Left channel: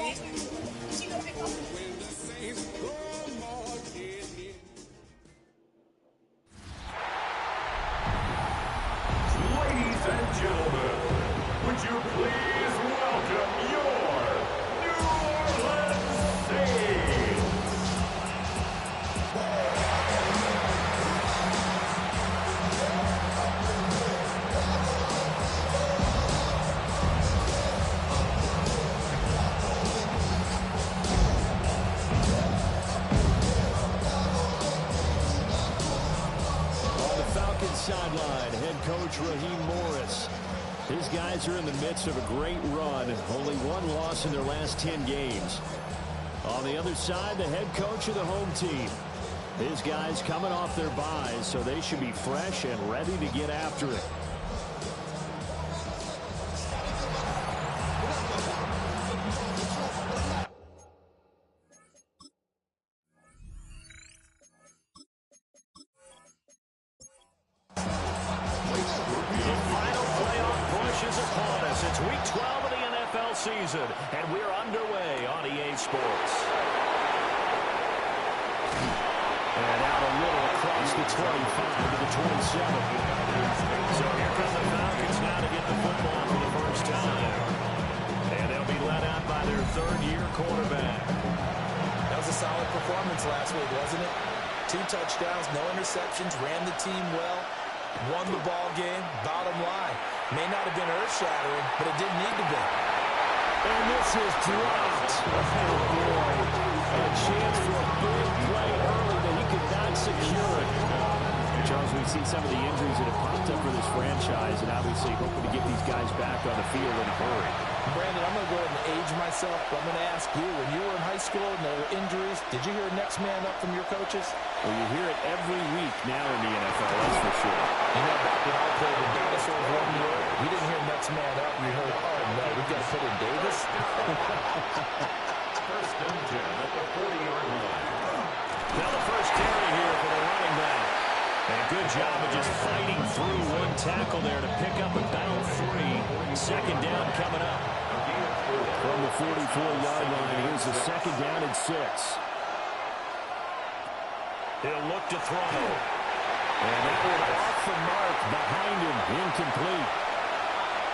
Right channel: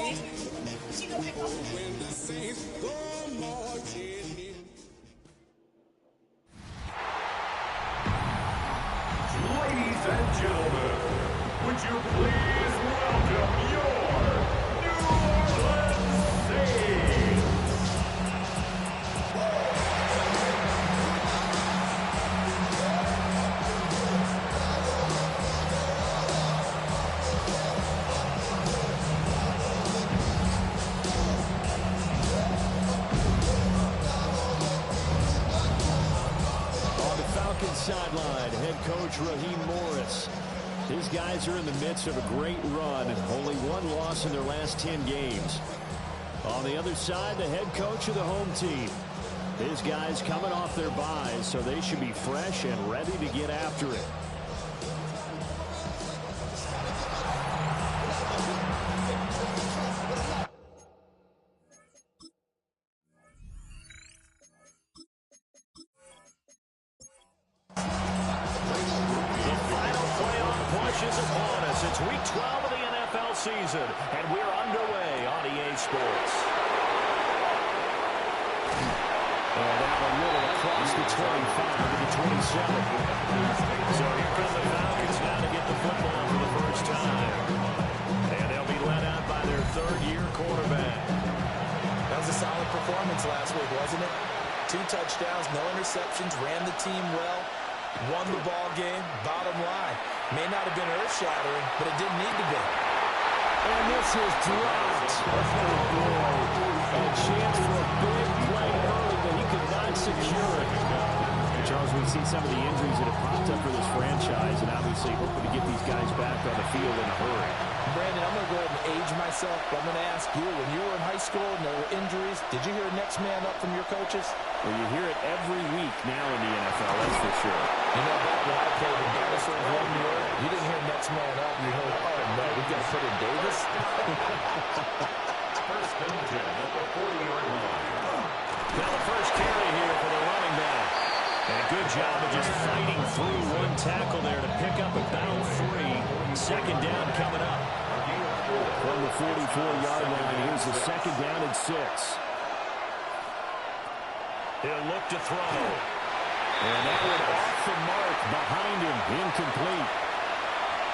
When the Saints go marching in. Ladies and gentlemen, would you please welcome your New Orleans Saints? On the Falcons sideline, head coach Raheem Morris. His guys are in the midst of a great run. Only one loss in their last 10 games. On the other side, the head coach of the home team. His guys coming off their byes, so they should be fresh and ready to get after it. Is upon us. It's week 12 of the NFL season, and we're underway on EA Sports. And out a little across the 25 to the 27. So here come the Falcons now to get the football for the first time. And they'll be led out by their third-year quarterback. That was a solid performance last week, wasn't it? 2 touchdowns, no interceptions, ran the team well. Won the ball game. Bottom line, may not have been earth-shattering, but it didn't need to be. And this is dropped. Oh, boy. A chance for a big play early, but he could not secure it. Charles, we see some of the injuries that have popped up for this franchise, and obviously hoping to get these guys back on the field in a hurry. Brandon, I'm going to go ahead and age myself, but I'm going to ask you, when you were in high school and there were injuries, did you hear next man up from your coaches? Well, you hear it every week now in the NFL, that's for sure. You know, back when I played with dinosaurs 1 year, you didn't hear next man up. You heard, oh, no, we've got to put in Davis. First and 10 at the 40-yard line. Now the first carry here for the running back. And a good job of just fighting through one tackle there to pick up about 3. Second down coming up. From the 44-yard line, here's the second down and 6. He'll look to throw. And that one off the mark behind him, incomplete.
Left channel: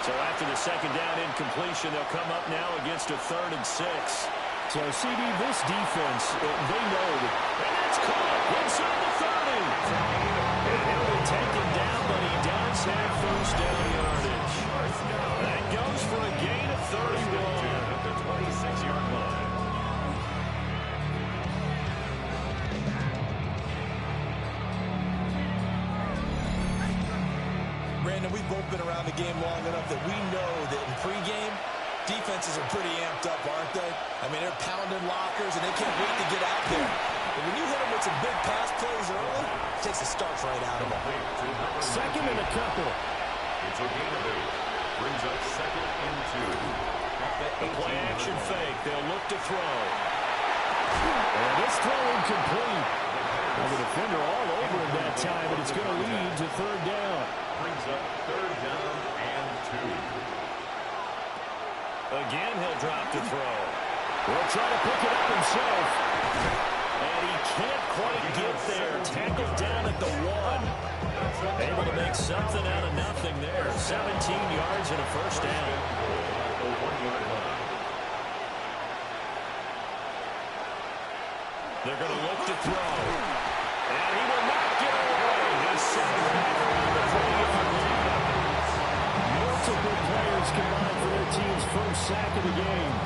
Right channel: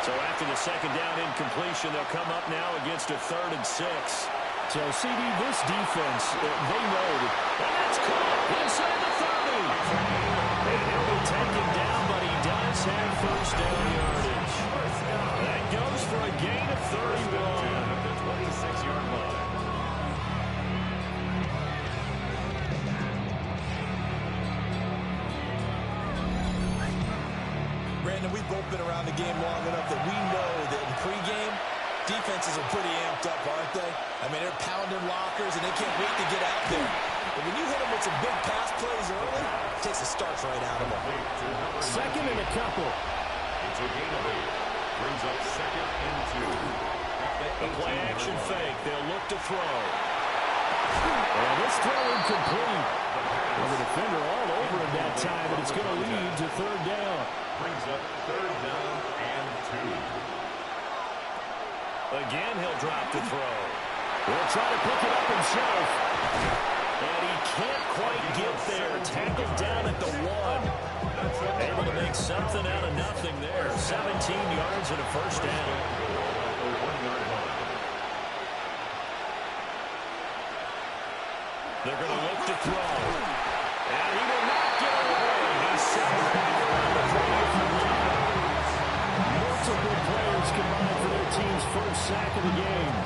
So after the second down incompletion, they'll come up now against a 3rd and 6. So, CD, this defense, they know that. And that's caught inside the 30. And he'll be taken down, but he does have first down yardage. That goes for a gain of 31 at the 26-yard line. Brandon, we've both been around the game long enough that we know that in pregame, defenses are pretty amped up, aren't they? I mean, they're pounding lockers, and they can't wait to get out there. But when you hit them with some big pass plays early, it takes the starch right out of them. Second and a couple. It's a gain of 8. Brings up second and 2. The play action fake. They'll look to throw. And this throw incomplete. Well, the defender all over him that time, but it's going to lead to 3rd down. Brings up 3rd down and 2. Again, he'll drop to throw. He'll try to pick it up himself. And he can't quite get there. Tackled down at the 1. Able to make something out of nothing there. 17 yards and a first down. At the 1-yard line. They're going to look to throw. And he will not get away. He's set back around the 30-yard line. Multiple players combined for their team's first sack of the game.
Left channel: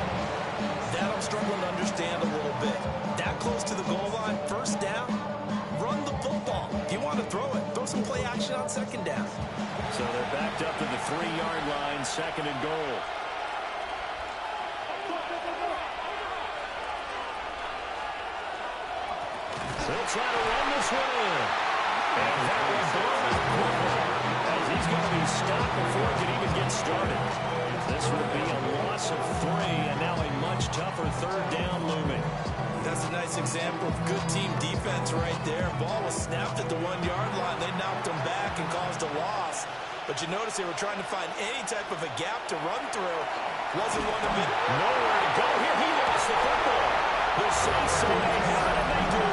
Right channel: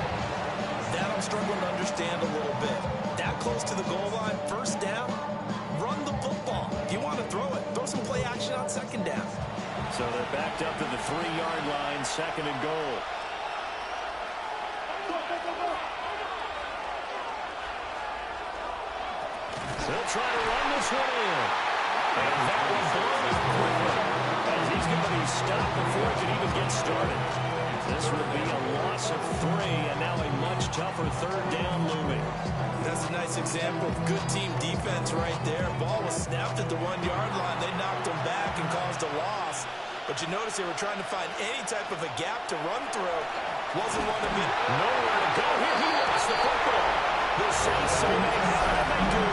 That I'm struggling to understand a little bit. That close to the goal line, first down, run the football. If you want to throw it, throw some play action on second down. So they're backed up to the 3-yard line, second and goal. They'll try to run this one in. And that one blown up quickly, as he's going to be stopped before he can even get started. This would be a loss of 3, and now a much tougher 3rd down looming. That's a nice example of good team defense right there. Ball was snapped at the 1-yard line. They knocked him back and caused a loss. But you notice they were trying to find any type of a gap to run through. Wasn't one of it. Nowhere to go here. He say so. They have it, and they do.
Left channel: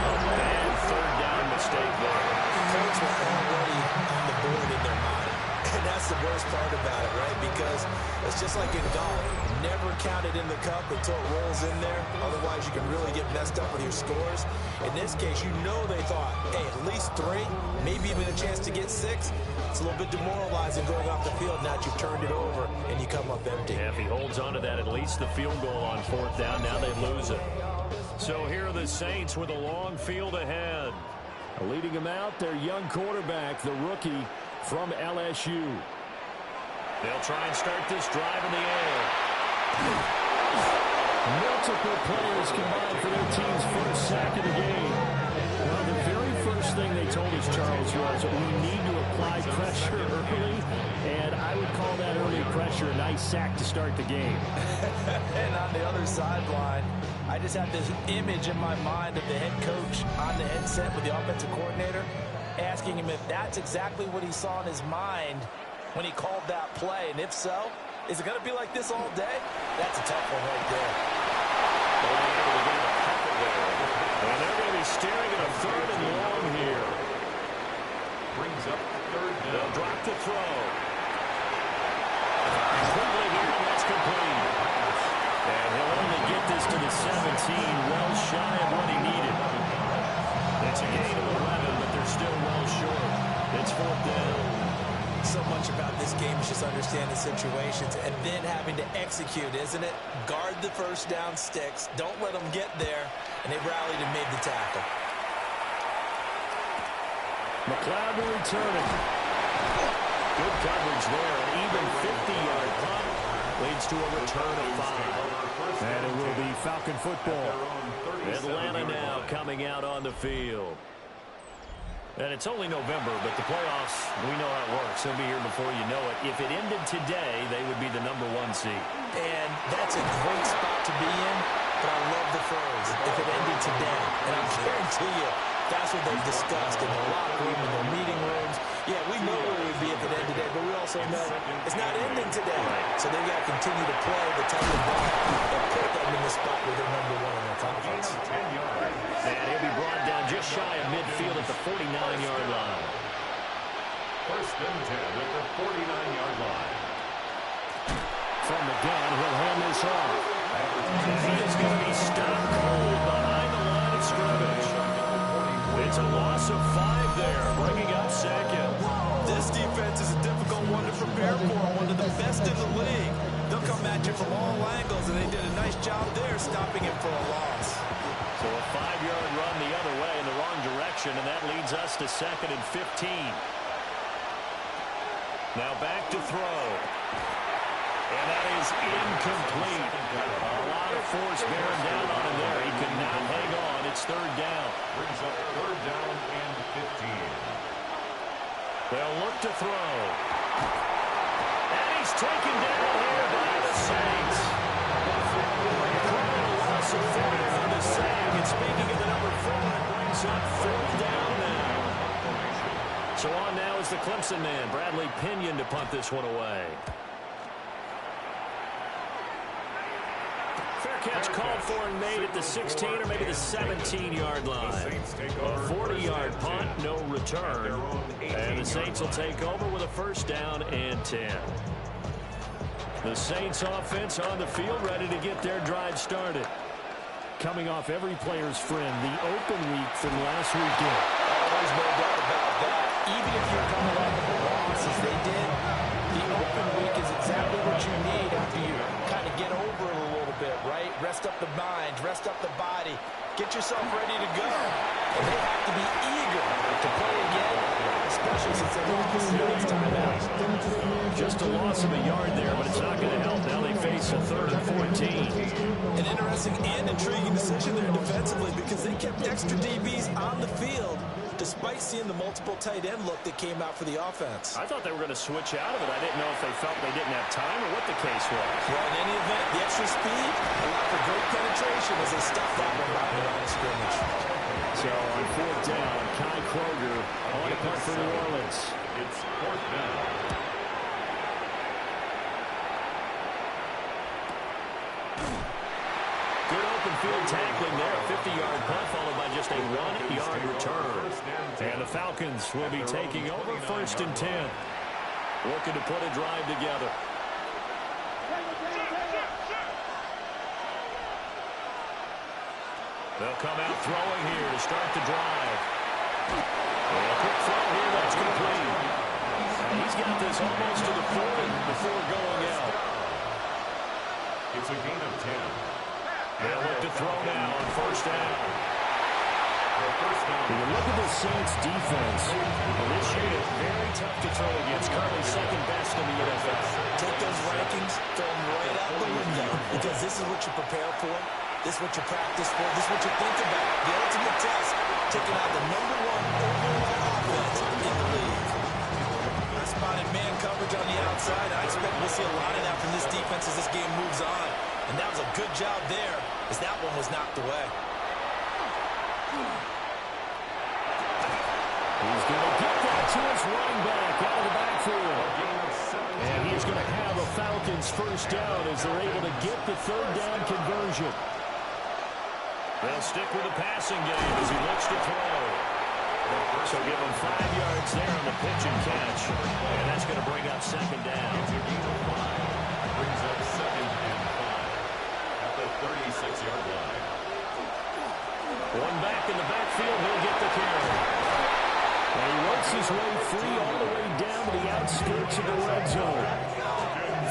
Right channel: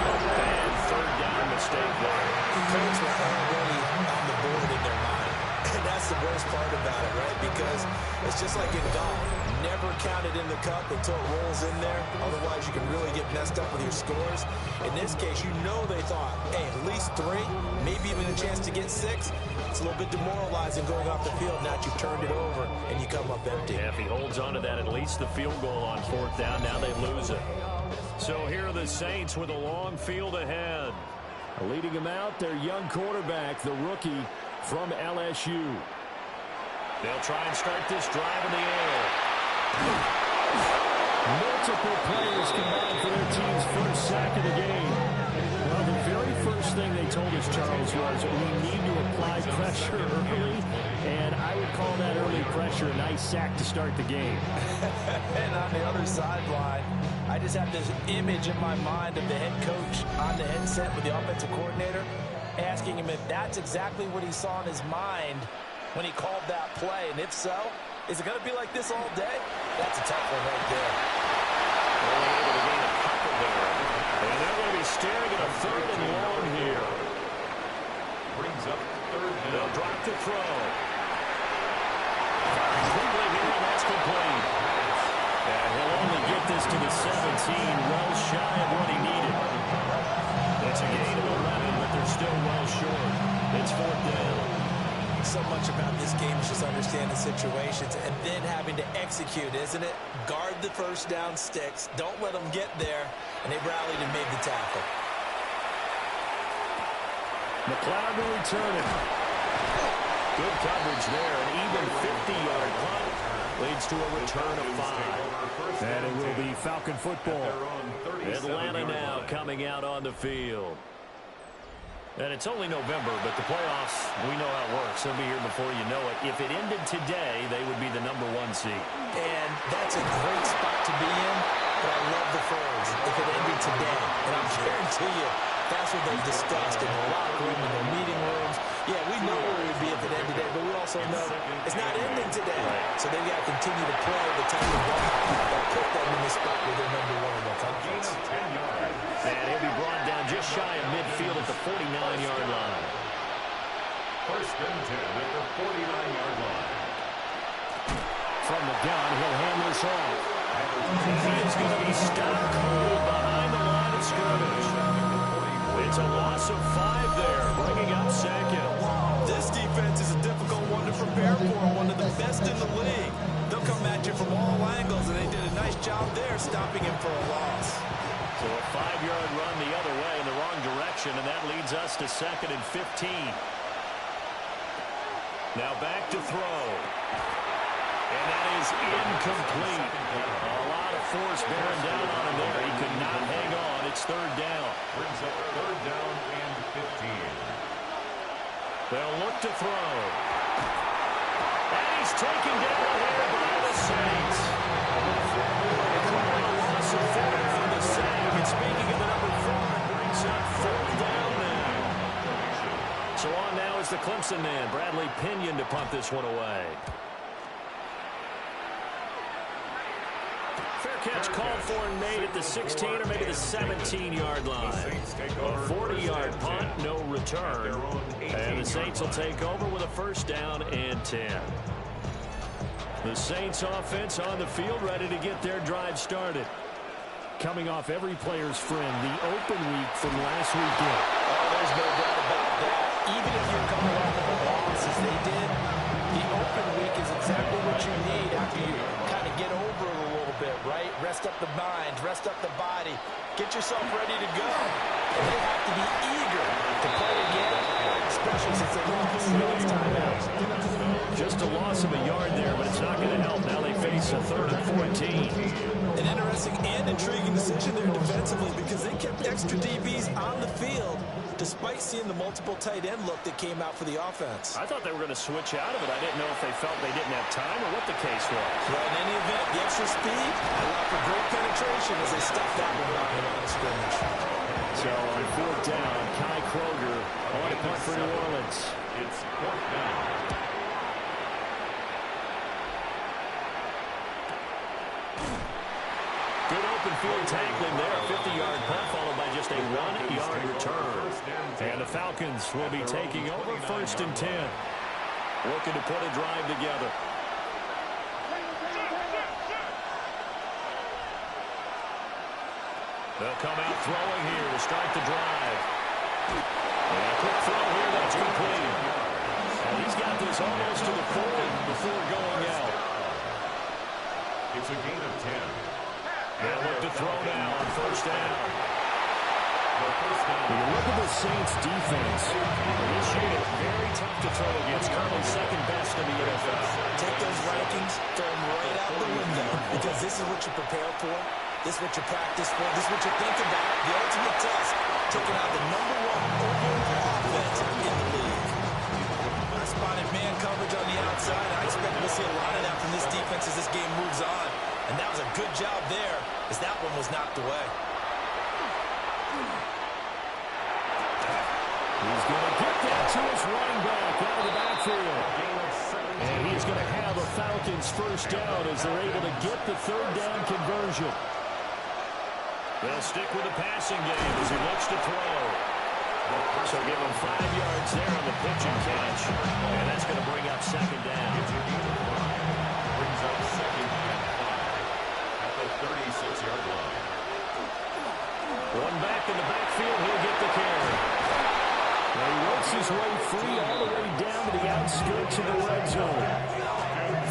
A bad third down mistake there. Coach were already on the board in their mind. And that's the worst part about it, right? Because it's just like in golf. Never count it in the cup until it rolls in there. Otherwise, you can really get messed up with your scores. In this case, you know they thought, hey, at least 3, maybe even a chance to get 6. It's a little bit demoralizing going off the field. Now that you've turned it over and you come up empty. Yeah, if he holds on to that, at least the field goal on 4th down. Now they lose it. So here are the Saints with a long field ahead. Leading them out, their young quarterback, the rookie from LSU. They'll try and start this drive in the air. Multiple players combined for their team's first sack of the game. Well, the very first thing they told us, Charles, was we need to apply pressure early, and I would call that early pressure a nice sack to start the game. And on the other sideline, I just have this image in my mind of the head coach on the headset with the offensive coordinator, asking him if that's exactly what he saw in his mind when he called that play. And if so, is it going to be like this all day? That's a tough one right there. Only able to gain a couple there. And they're going to be staring at a 3rd and long here. Brings up 3rd down. They'll drop to throw. Firing quickly here, and that's complete. And he'll only get this to the 17, well shy of what he needed. It's a gain of 11, but they're still well short. It's 4th down. So much about this game is just understanding situations and then having to execute, isn't it? Guard the first down sticks. Don't let them get there. And they rallied and made the tackle. McLeod to return it. Good coverage there. An even 50-yard punt leads to a return of 5. And it will be Falcon football. Atlanta now coming out on the field. And it's only November, but the playoffs, we know how it works. They'll be here before you know it. If it ended today, they would be the #1 seed. And that's a great spot to be in, but I love the phrase, if it ended today. And I'll guarantee you, that's what they've discussed in the locker room, in their meeting rooms. Yeah, we know where we'd be if it ended today, but we also know it's not ending today. Right. So they've got to continue to play the type of ball that put them in the spot where they're #1 in their conference. And he'll be brought down just shy of midfield at the 49-yard line. 1st and 10 at the 49-yard line. From the gun, he'll hand this off. He is going to be stopped cold behind the line of scrimmage. It's a loss of 5 there, bringing up 2nd. This defense is a difficult one to prepare for, one of the best in the league. They'll come at you from all angles, and they did a nice job there stopping him for a loss. So a 5-yard run the other way in the wrong direction, and that leads us to 2nd and 15. Now back to throw. And that is incomplete. A lot of force bearing down on him there. He could not hang on. It's 3rd down. Brings up 3rd down and 15. They'll look to throw. And he's taken down here by the Saints. Declaring a loss of 4 on the sack. And speaking of the #4, it brings up 4th down now. So on now is the Clemson man, Bradley Pinion, to punt this one away. Fair catch called for and made at the 16 or maybe the 17-yard line. A 40-yard punt, no return. And the Saints will take over with a 1st down and 10. The Saints offense on the field, ready to get their drive started. Coming off every player's friend, the open week from last weekend. Oh, there's no doubt about that. Even if you're coming off of a loss as they did, the open week is exactly what you need after you kind of get over it a little bit, right? Rest up the mind, rest up the body, get yourself ready to go. And they have to be eager to play again, especially since they lost no time out. Just a loss of a yard there, but it's not going to help. Now they face a 3rd and 14. An interesting and intriguing decision there defensively because they kept extra DBs on the field despite seeing the multiple tight end look that came out for the offense. I thought they were going to switch out of it. I didn't know if they felt they didn't have time or what the case was. Well, in any event, the extra speed allowed for great penetration as they stuffed that one out in the line of scrimmage. So on 4th down, Kai Kroger on a punt for New Orleans. It's 4th down. Good open field tackling there. A 50-yard punt followed by just a 1-yard return. And the Falcons will be taking over 1st and 10. Looking to put a drive together. They'll come out throwing here to start the drive. And a quick throw here that's complete. And he's got this almost to the 40 before going out. It's a gain of 10. They'll look to throw now on 1st down. When you look at the Saints defense, This unit very tough to throw against. Currently 2nd best in the NFL. Take those rankings, throw them right out the window, because this is what you prepare for. This is what you practice for. This is what you think about. The ultimate test, taking out the #1 overall offense in the league. I spotted man coverage on the outside, and I expect we'll see a lot of that from this defense as this game moves on. And that was a good job there, as that one was knocked away. he's going to get that to his running back out of the backfield. And he's going to have a Falcons 1st down as they're able to get the 3rd down conversion. They'll stick with the passing game as he looks to throw. So give him 5 yards there on the pitch and catch. And that's going to bring up 2nd down. It's a gain of 5. Brings up 2nd and 5 at the 36-yard line. One back in the backfield. He'll get the carry. And he works his way free all the way down to the outskirts of the red zone.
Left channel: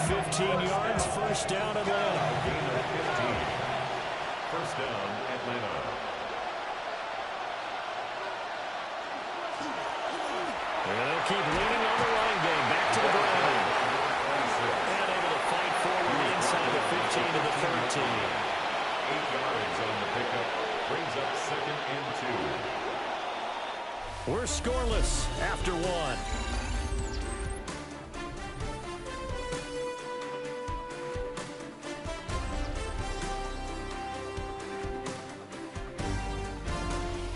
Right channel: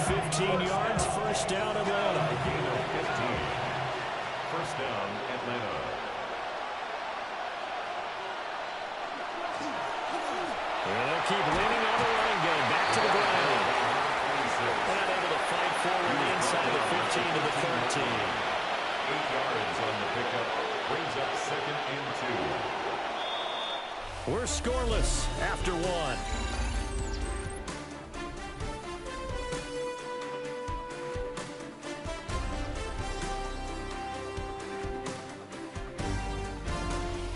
15 yards, 1st down, Atlanta. A gain of 15. 1st down, Atlanta. And they'll keep leaning on the running game. Back to the ground. And able to fight forward inside the 15 to the 13. 8 yards on the pickup. Brings up 2nd and 2. We're scoreless after 1.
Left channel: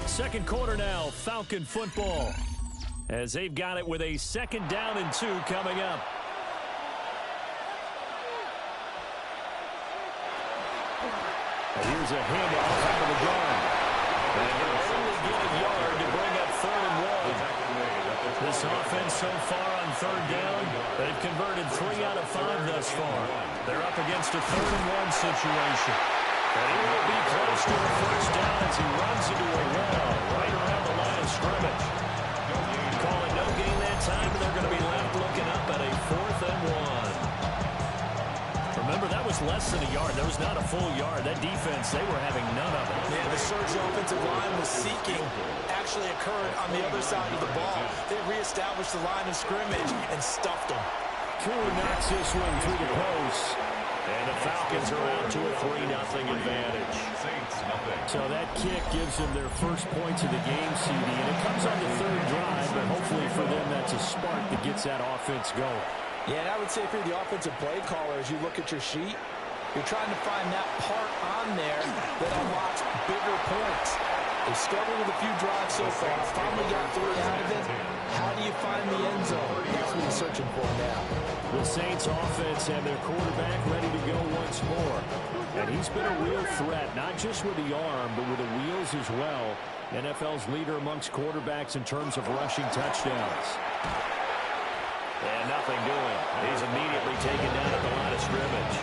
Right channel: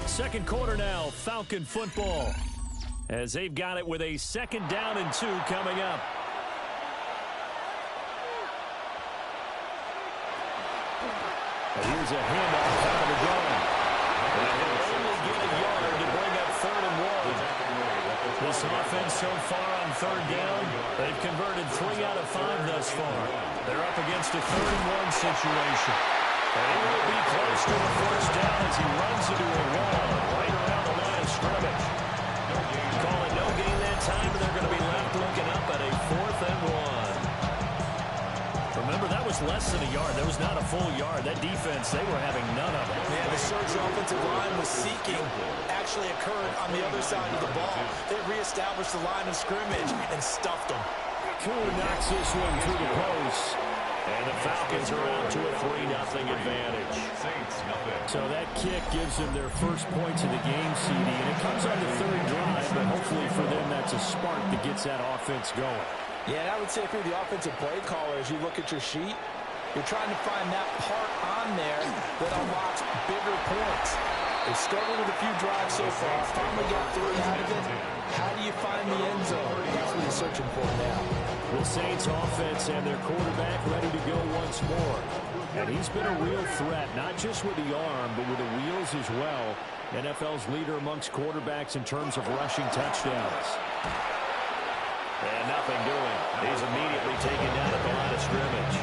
Second quarter now, Falcon football, as they've got it with a 2nd down and 2 coming up. And here's a handoff out of the gun. And he'll only get a yard to bring up 3rd and 1. This offense so far on 3rd down, they've converted 3 out of 5 thus far. They're up against a 3rd and 1 situation. And he will be close to a 1st down as he runs into a wall right around the line of scrimmage. Call it no gain that time, and they're going to be left looking up at a 4th and 1. Remember, that was less than a yard. That was not a full yard. That defense, they were having none of it. Yeah, the surge offensive line was seeking actually occurred on the other side of the ball. They reestablished the line of scrimmage and stuffed them. Cooler knocks this one through the post. And the Falcons are out to a 3-0 advantage. Saints, nothing. So that kick gives them their first points of the game, CD, and it comes on the 3rd drive, but hopefully for them that's a spark that gets that offense going. Yeah, and I would say if you're the offensive play caller, as you look at your sheet, you're trying to find that part on there that unlocks bigger points. They've struggled with a few drives so far, finally got 3 out of it. How do you find the end zone? That's what he's searching for now. The Saints offense and their quarterback ready to go once more. And he's been a real threat, not just with the arm, but with the wheels as well. NFL's leader amongst quarterbacks in terms of rushing touchdowns. And nothing doing. He's immediately taken down at the line of scrimmage.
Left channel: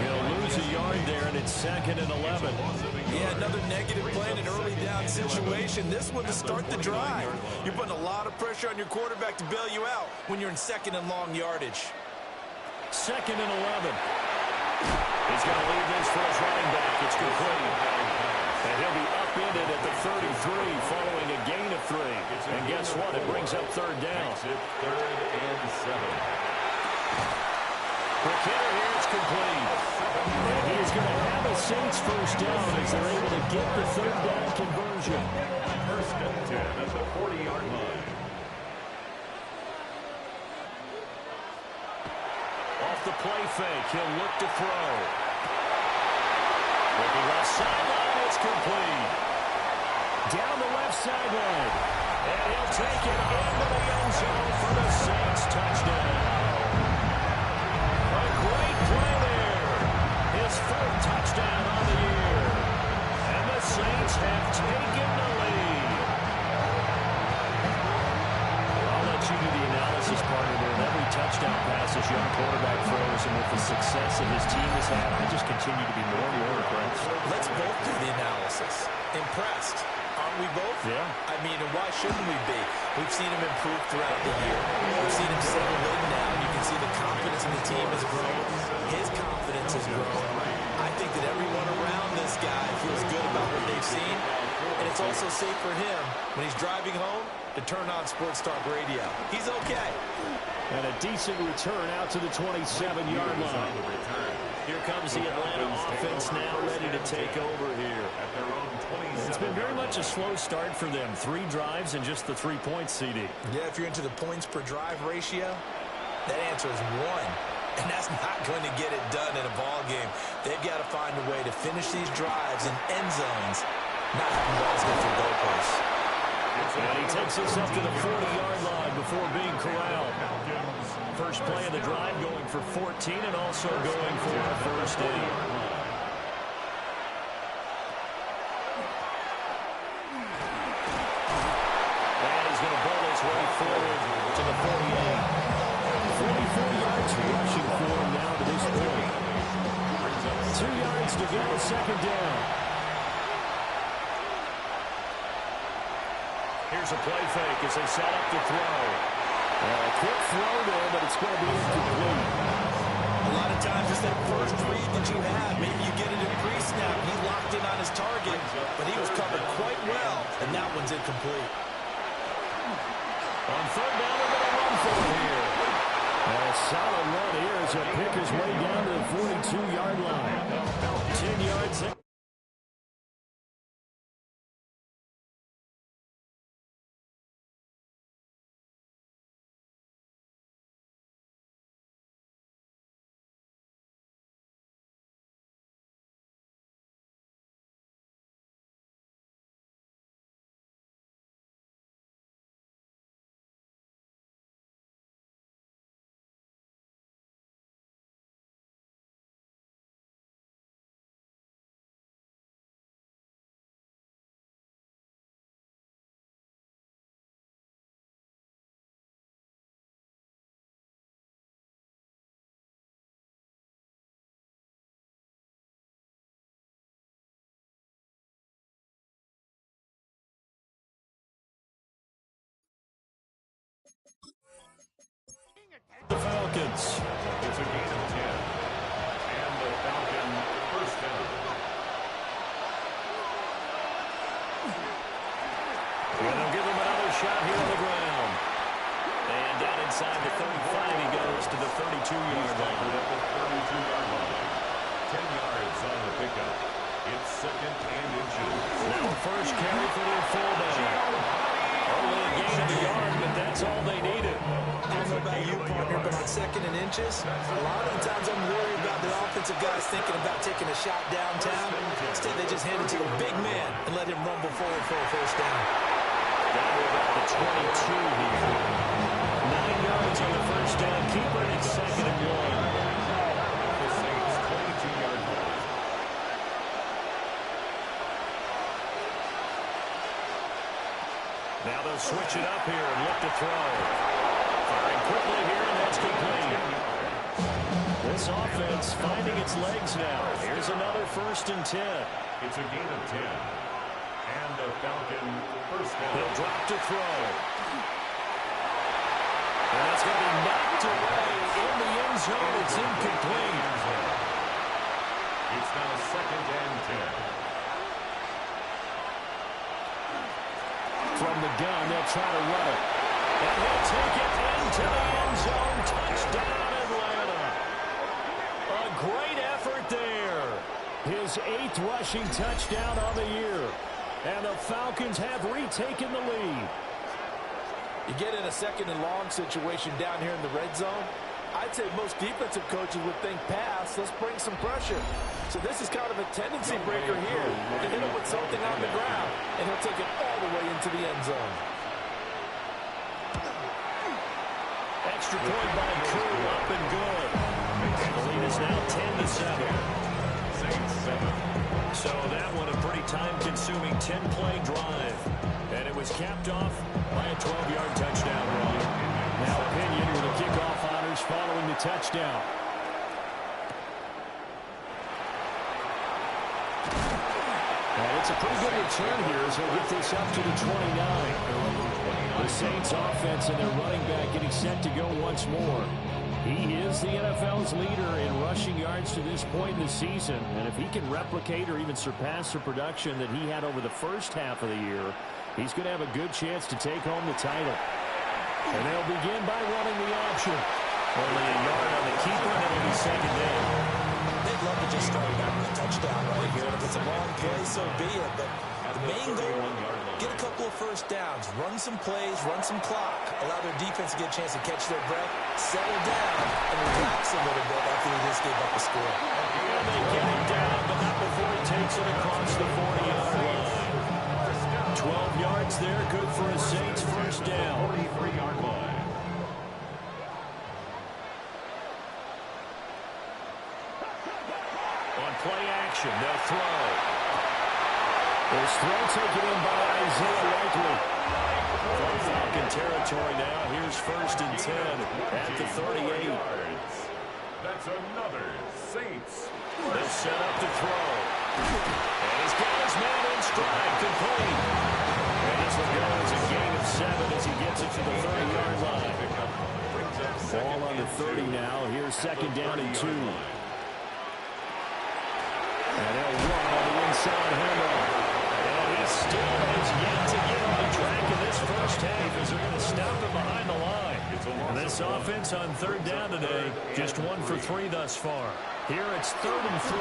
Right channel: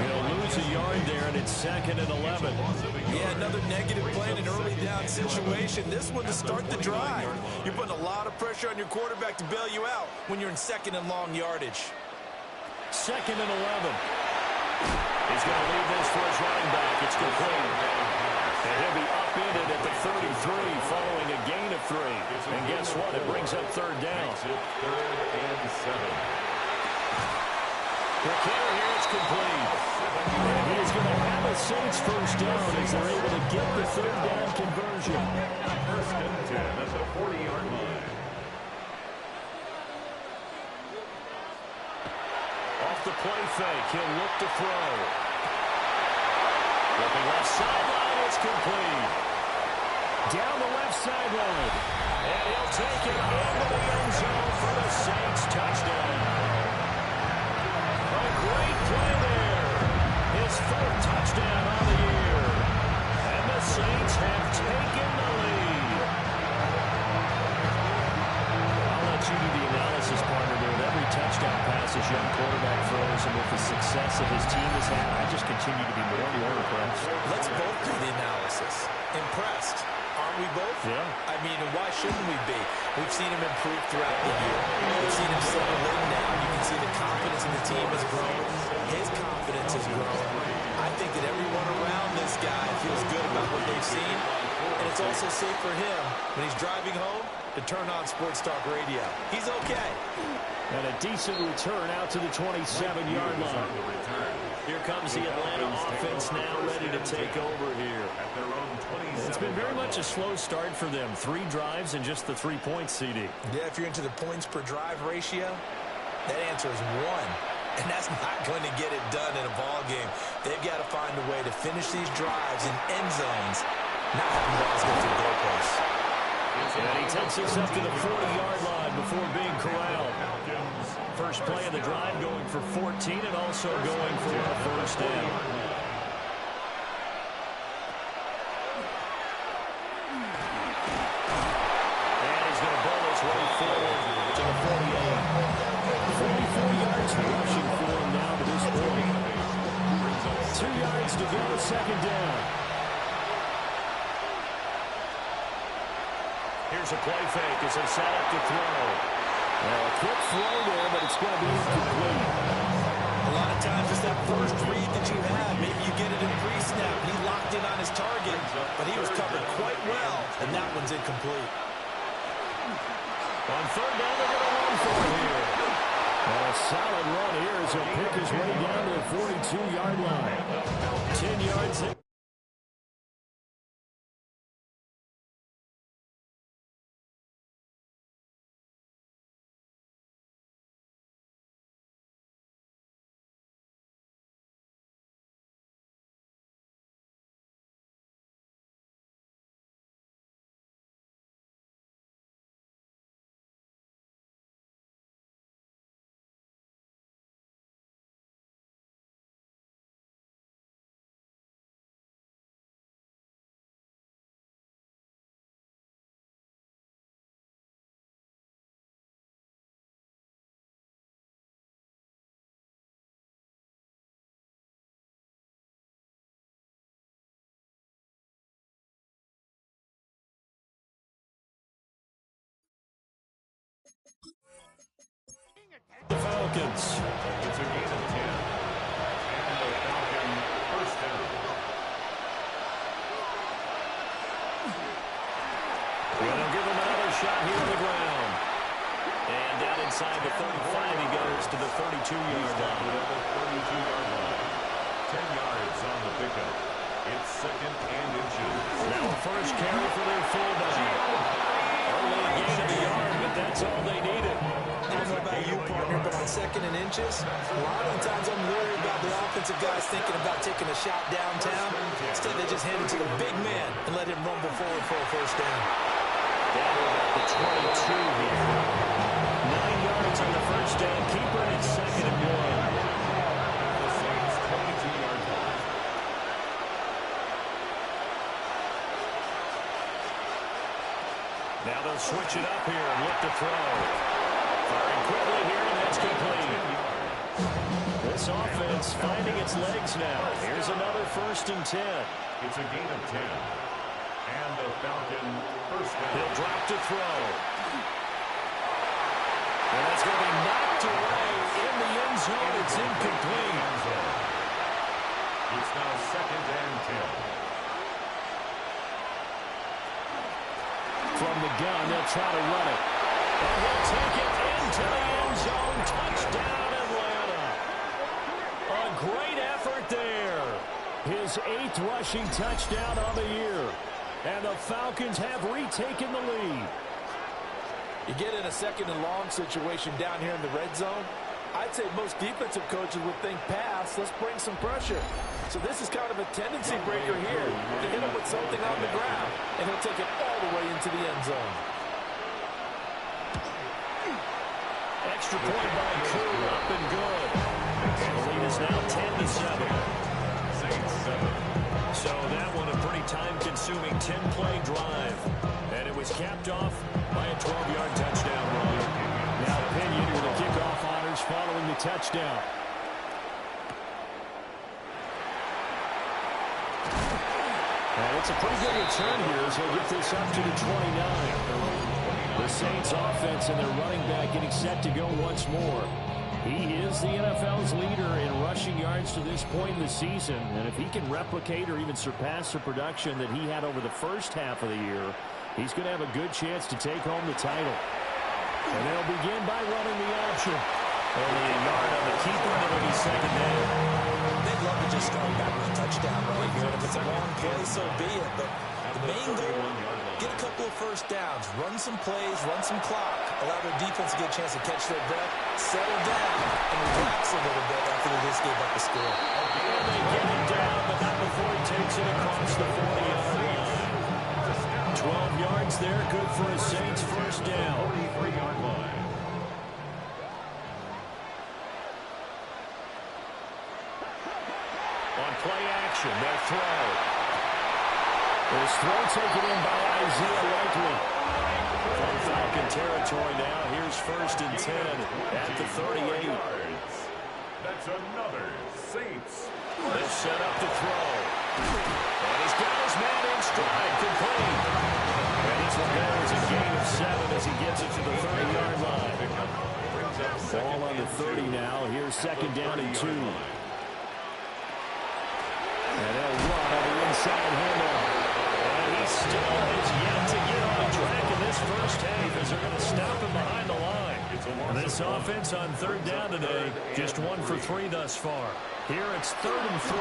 He'll lose a yard there, and it's 2nd and 11. Yeah, another negative play in an early down situation. This one to start the drive. You're putting a lot of pressure on your quarterback to bail you out when you're in 2nd and long yardage. 2nd and 11. He's going to leave this for his running back. It's complete. And he'll be upended at the 33 following a gain of 3. And guess what? It brings up 3rd down. 3rd and 7. Quick hitter here, it's complete. And he's going to have a Saints 1st down as they're able to get the 3rd down conversion. 1st and 10 at the 40-yard line. Off the play fake, he'll look to throw. Looking left sideline, it's complete. Down the left sideline. And he'll take it into the end zone for the Saints touchdown. A great play there. His his 4th touchdown on the year. And the Saints have taken the lead. I'll let you do the analysis, partner, there. With every touchdown pass his young quarterback throws and with the success that his team has had, I just continue to be more and more impressed. Let's both do the analysis. Impressed. Aren't we both? Yeah. I mean, and why shouldn't we be? We've seen him improve throughout the year. We've seen him settle in now. You can see the confidence in the team has grown. His confidence has grown. I think that everyone around this guy feels good about what they've seen. And it's also safe for him when he's driving home to turn on Sports Talk Radio. He's okay. And a decent return out to the 27-yard line. Here comes the Atlanta offense now ready to take over here. It's been very much a slow start for them. 3 drives and just the 3 points, CD. Yeah, if you're into the points per drive ratio, that answer is 1. And that's not going to get it done in a ball game. They've got to find a way to finish these drives in end zones, not having balls go through goalposts. And he takes us up to the 40-yard line before being corralled. First play of the drive going for 14 and also going for a first down. And he's going to bowl his way forward to the 48. 44 yards rushing for him now to this point. 2 yards to go, second down. Here's a play fake as they set up to throw. A quick throw there, but it's going to be incomplete. A lot of times it's that first read that you have. Maybe you get it in pre-snap. He locked in on his target, but he was covered quite well, and that one's incomplete. On third down, they're going to run for it here. And a solid run here as he'll pick his way down to the 42-yard line. 10 yards in. The Falcons. It's a gain of 10. And the Falcon first down. And they'll give him another shot here on the ground. And down inside the 35, he goes to the 32-yard line. At the 32-yard line. 10 yards on the pickup. It's second and inches. Now a first carry for their fullback. Only a gain of a yard, but that's all they needed. I don't know about you, partner, but on second and inches, a lot of the times I'm worried about the offensive guys thinking about taking a shot downtown. Instead, they just hand it to the big man and let him rumble forward for a first down. Down to about the 22 here. 9 yards on the first down. Keeper, and it's second and 1. The Saints 22-yard line. Now they'll switch it up here and look to throw. Firing quickly here, and that's complete. This offense finding its legs now. Here's another first and 10. It's a gain of 10. And the Falcon first down. He'll drop to throw. And that's going to be knocked away in the end zone. It's incomplete. It's now second and 10. From the gun, they'll try to run it. And he'll take it into the end zone. Touchdown, Atlanta. A great effort there. His 8th rushing touchdown on the year. And the Falcons have retaken the lead. You get in a second and long situation down here in the red zone, I'd say most defensive coaches would think pass, let's bring some pressure. So this is kind of a tendency breaker here to hit him with something on the ground, and he'll take it all the way into the end zone. Extra point by Koo, up and good. And the lead is now 10-7. So that one a pretty time-consuming 10-play drive. And it was capped off by a 12-yard touchdown run. Now Pinion with the kickoff honors following the touchdown. And it's a pretty good return here as he'll get this up to the 29. The Saints offense and their running back getting set to go once more. He is the NFL's leader in rushing yards to this point in the season. And if he can replicate or even surpass the production that he had over the first half of the year, he's going to have a good chance to take home the title. And they'll begin by running the option. Only a yard on the keeper, and it'll be second down. They'd love to just start back with a touchdown right here. And if it's a long play, so be it. But the main goal, get a couple of first downs, run some plays, run some clock, allow their defense to get a chance to catch their breath, settle down, and relax a little bit after they just gave up a score. And they get him down, but not before he takes it across the 40-yard line. 12 yards there, good for a Saints first down. 43-yard line. On play action, they'll throw. This throw taken in by Isaiah Likely. From Falcon territory now, here's 1st and 10 at the 38. That's another Saints. They'll set up to throw. And he's got his man in stride, complete. And this one goes a gain of 7 as he gets it to the 30-yard line. Ball on the 30 now. Here's 2nd down and 2. And they'll run on the inside handoff. And he still has yet to get on track in this first half as they're going to stop him behind the line. And this offense on 3rd down today, just 1 for 3 thus far. Here it's 3rd and 3.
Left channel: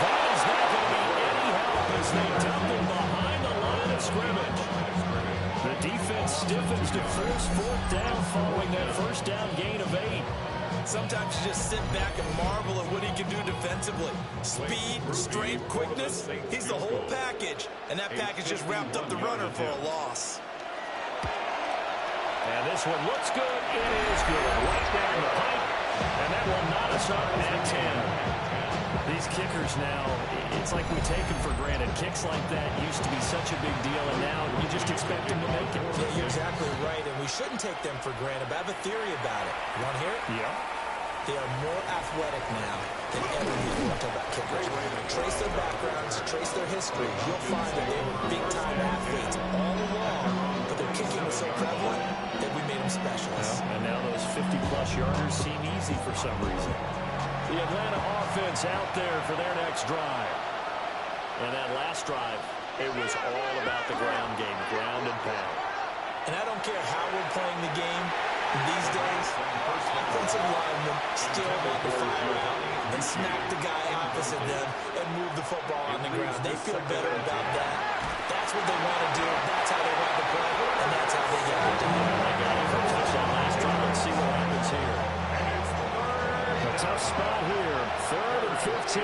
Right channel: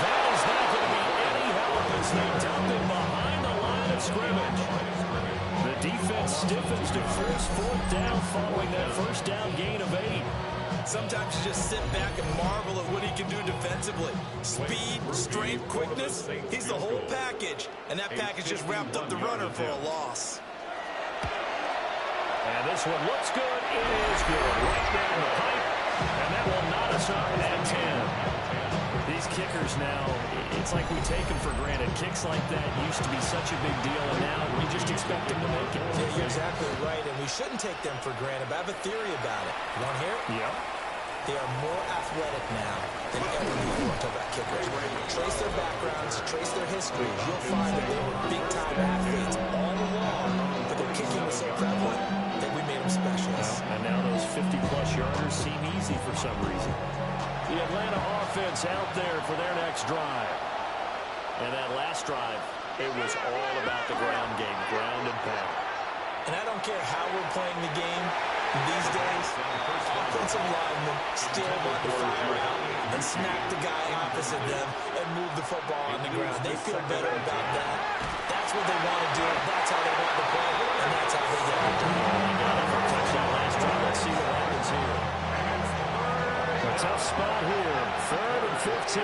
That is not going to be any help as they dump him behind the line of scrimmage. The defense stiffens to force 4th down following that first down gain of 8. Sometimes you just sit back and marvel at what he can do defensively. Speed, strength, quickness, he's the whole package. And that package just wrapped up the runner for a loss. And this one looks good. It is good. Right down the pipe. And that will knot us up at 10. These kickers now, it's like we take them for granted. Kicks like that used to be such a big deal, and now you just expect them to make it. Yeah, you're exactly right, and we shouldn't take them for granted, but I have a theory about it. You want to hear it? Yeah. They are more athletic now than ever before. Talk about kickers. Trace their backgrounds, trace their histories. You'll find that they were big-time athletes all along, but their kicking was so prevalent that we made them specialists. Well, and now those 50-plus yarders seem easy for some reason. The Atlanta offense out there for their next drive. And that last drive, it was all about the ground game, ground and pound. And I don't care how we're playing the game these days, offensive linemen still want to fire out and smack the guy opposite them and move the football on the ground. They feel better about that. That's what they want to do. That's how they want to play, and that's how they get it done. They got it for a touchdown last drive. Let's see what happens here. A tough spot here. 3rd and 15.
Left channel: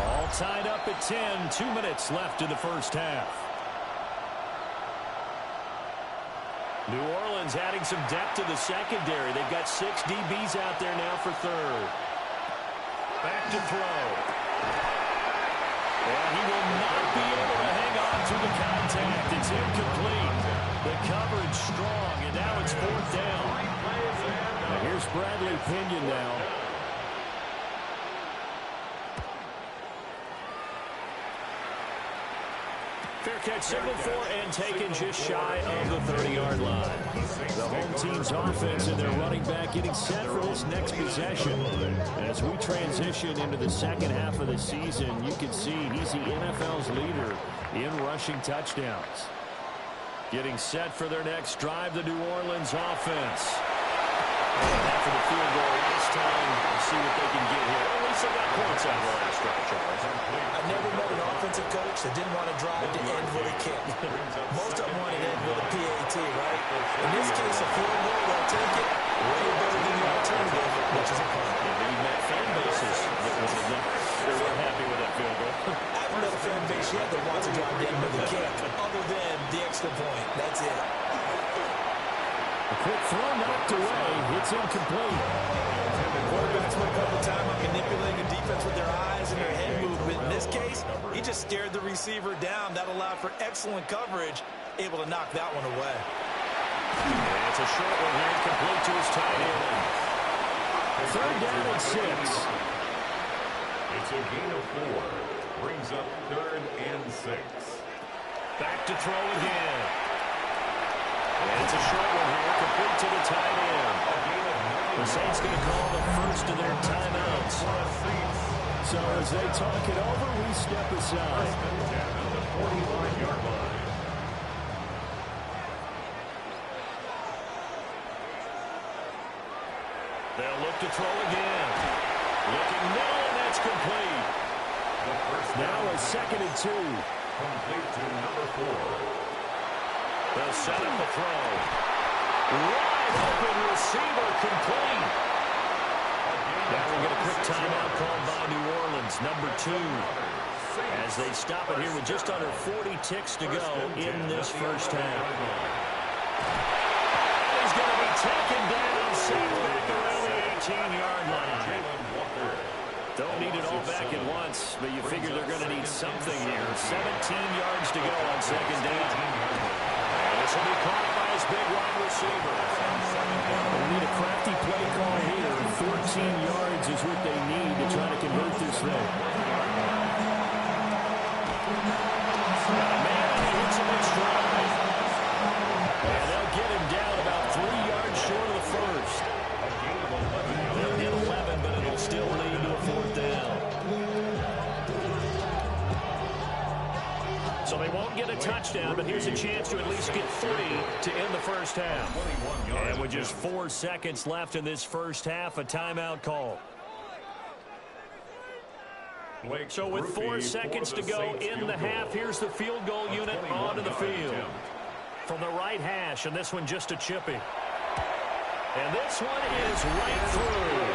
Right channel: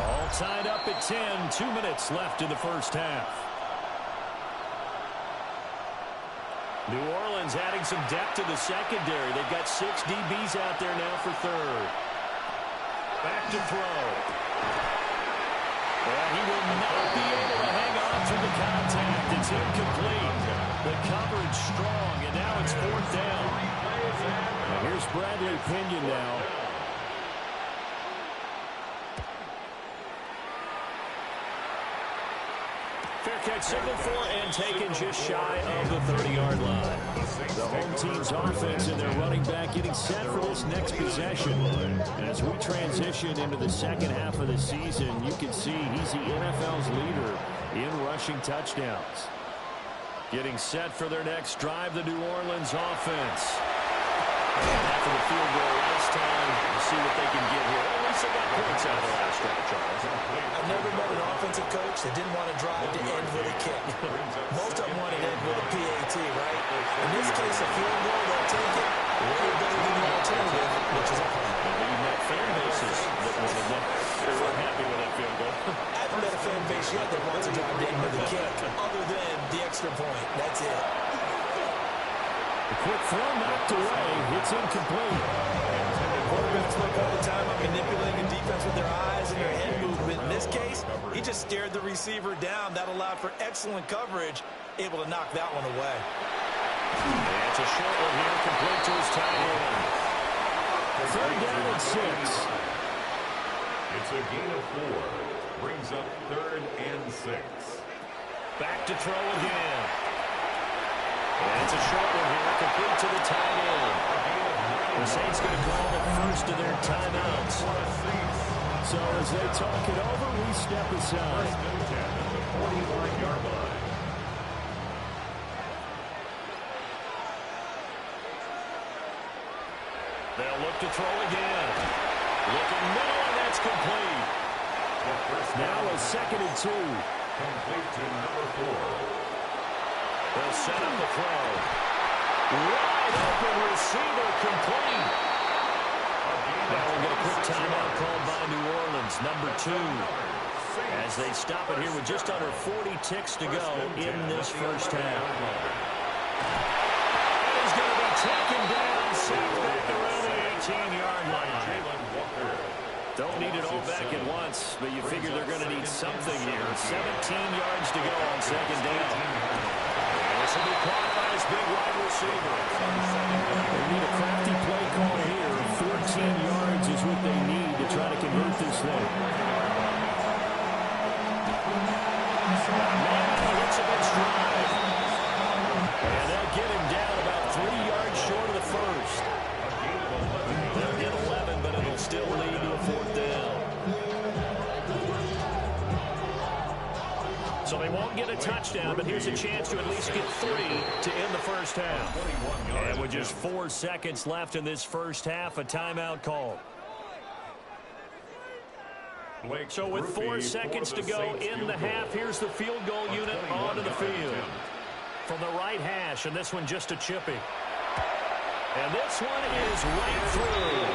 All tied up at 10. 2 minutes left in the first half. New Orleans adding some depth to the secondary. They've got 6 DBs out there now for 3rd. Back to throw. And he will not be able to hang on through the contact. It's incomplete. The coverage strong, and now it's 4th down. And here's Bradley Pinion now. Fair catch signaled for and taken just shy of the 30-yard line. The home team's offense and their running back getting set for this next possession. As we transition into the second half of the season, you can see he's the NFL's leader in rushing touchdowns. Getting set for their next drive, the New Orleans offense. And after the field goal last time, we'll see what they can get here. At least they got points out of the last drive, Charles. I never met an offensive coach that didn't want to drive to end with a kick. Most of them want to end with a PAT, right? In this case, a field goal, they'll take it. Way better than the alternative, which is a punt. Maybe met fan bases that wanted them. They were happy with that field goal. I haven't met a fan base yet that wants to drive to end with a kick, other than the extra point. That's it. A quick throw knocked away. It's incomplete. spoke all the time about manipulating a defense with their eyes and their head movement. In this case, he just stared the receiver down. That allowed for excellent coverage, able to knock that one away. And it's a short one here, complete to his tight end. 3rd down and 6. It's a gain of 4. Brings up 3rd and 6. Back to throw again. And it's a short one here, complete to the tight end. The Saints going to call the first of their timeouts. So as they talk it over, we step aside. At the 45-yard line. They'll look to throw again. Looking middle, and that's complete. The first Now a 2nd and 2. Complete to number 4. They'll set up the throw. Wide open receiver, complete. Now we'll get a quick timeout called by New Orleans, number 2. As they stop it here with just under 40 ticks to go in this first half. And he's going to be taken down, sacked back around the 18-yard line. Don't need it all back at once, but you figure they're going to need something here. 17 yards to go on 2nd down. And this will be caught by his big wide receiver. They need a crafty play call here. 14 yards is what they need to try to convert this thing. Got a man, and he hits him in stride. And they'll get him down about 3 yards short of the first. They'll get 11, but it'll still lead to a 4th down. So they won't get a touchdown, but here's a chance to at least get 3 to end the first half. And with just 4 seconds left in this first half, a timeout call. So with 4 seconds to go in the half, here's the field goal unit onto the field. From the right hash, and this one just a chippy. And this one is right through.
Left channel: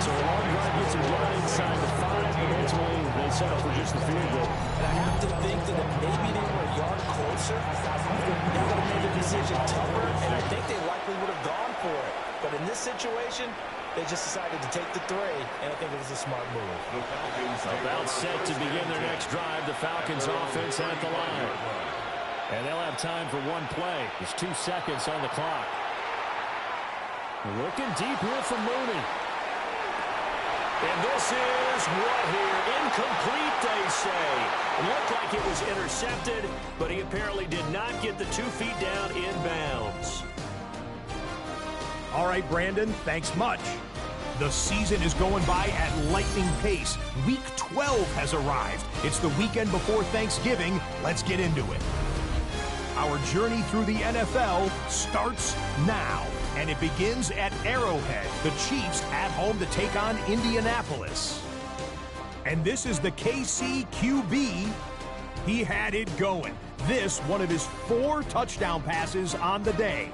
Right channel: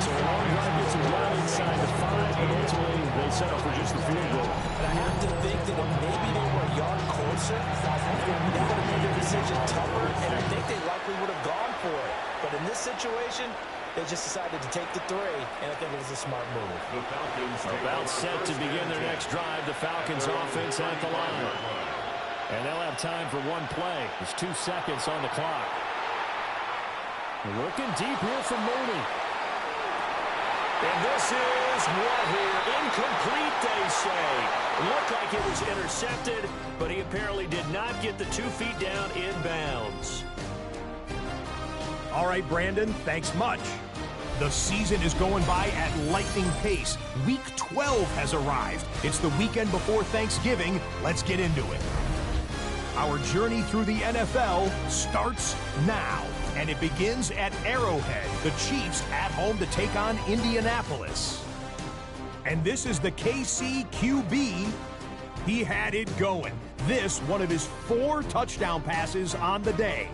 So a long drive gets them down inside the 5, but ultimately they settle for just the field goal. And I have to think that if maybe they were a yard closer, they would have made their decision tougher, and I think they likely would have gone for it. But in this situation, they just decided to take the 3, and I think it was a smart move. About set to begin their next drive, the Falcons offense at the line. And they'll have time for one play. There's 2 seconds on the clock. Looking deep here from Mooney. And this is what here? Incomplete, they say. It looked like it was intercepted, but he apparently did not get the 2 feet down in bounds. All right, Brandon, thanks much. The season is going by at lightning pace. Week 12 has arrived. It's the weekend before Thanksgiving. Let's get into it. Our journey through the NFL starts now. And it begins at Arrowhead, the Chiefs at home to take on Indianapolis. And this is the KC QB. He had it going. This, one of his 4 touchdown passes on the day.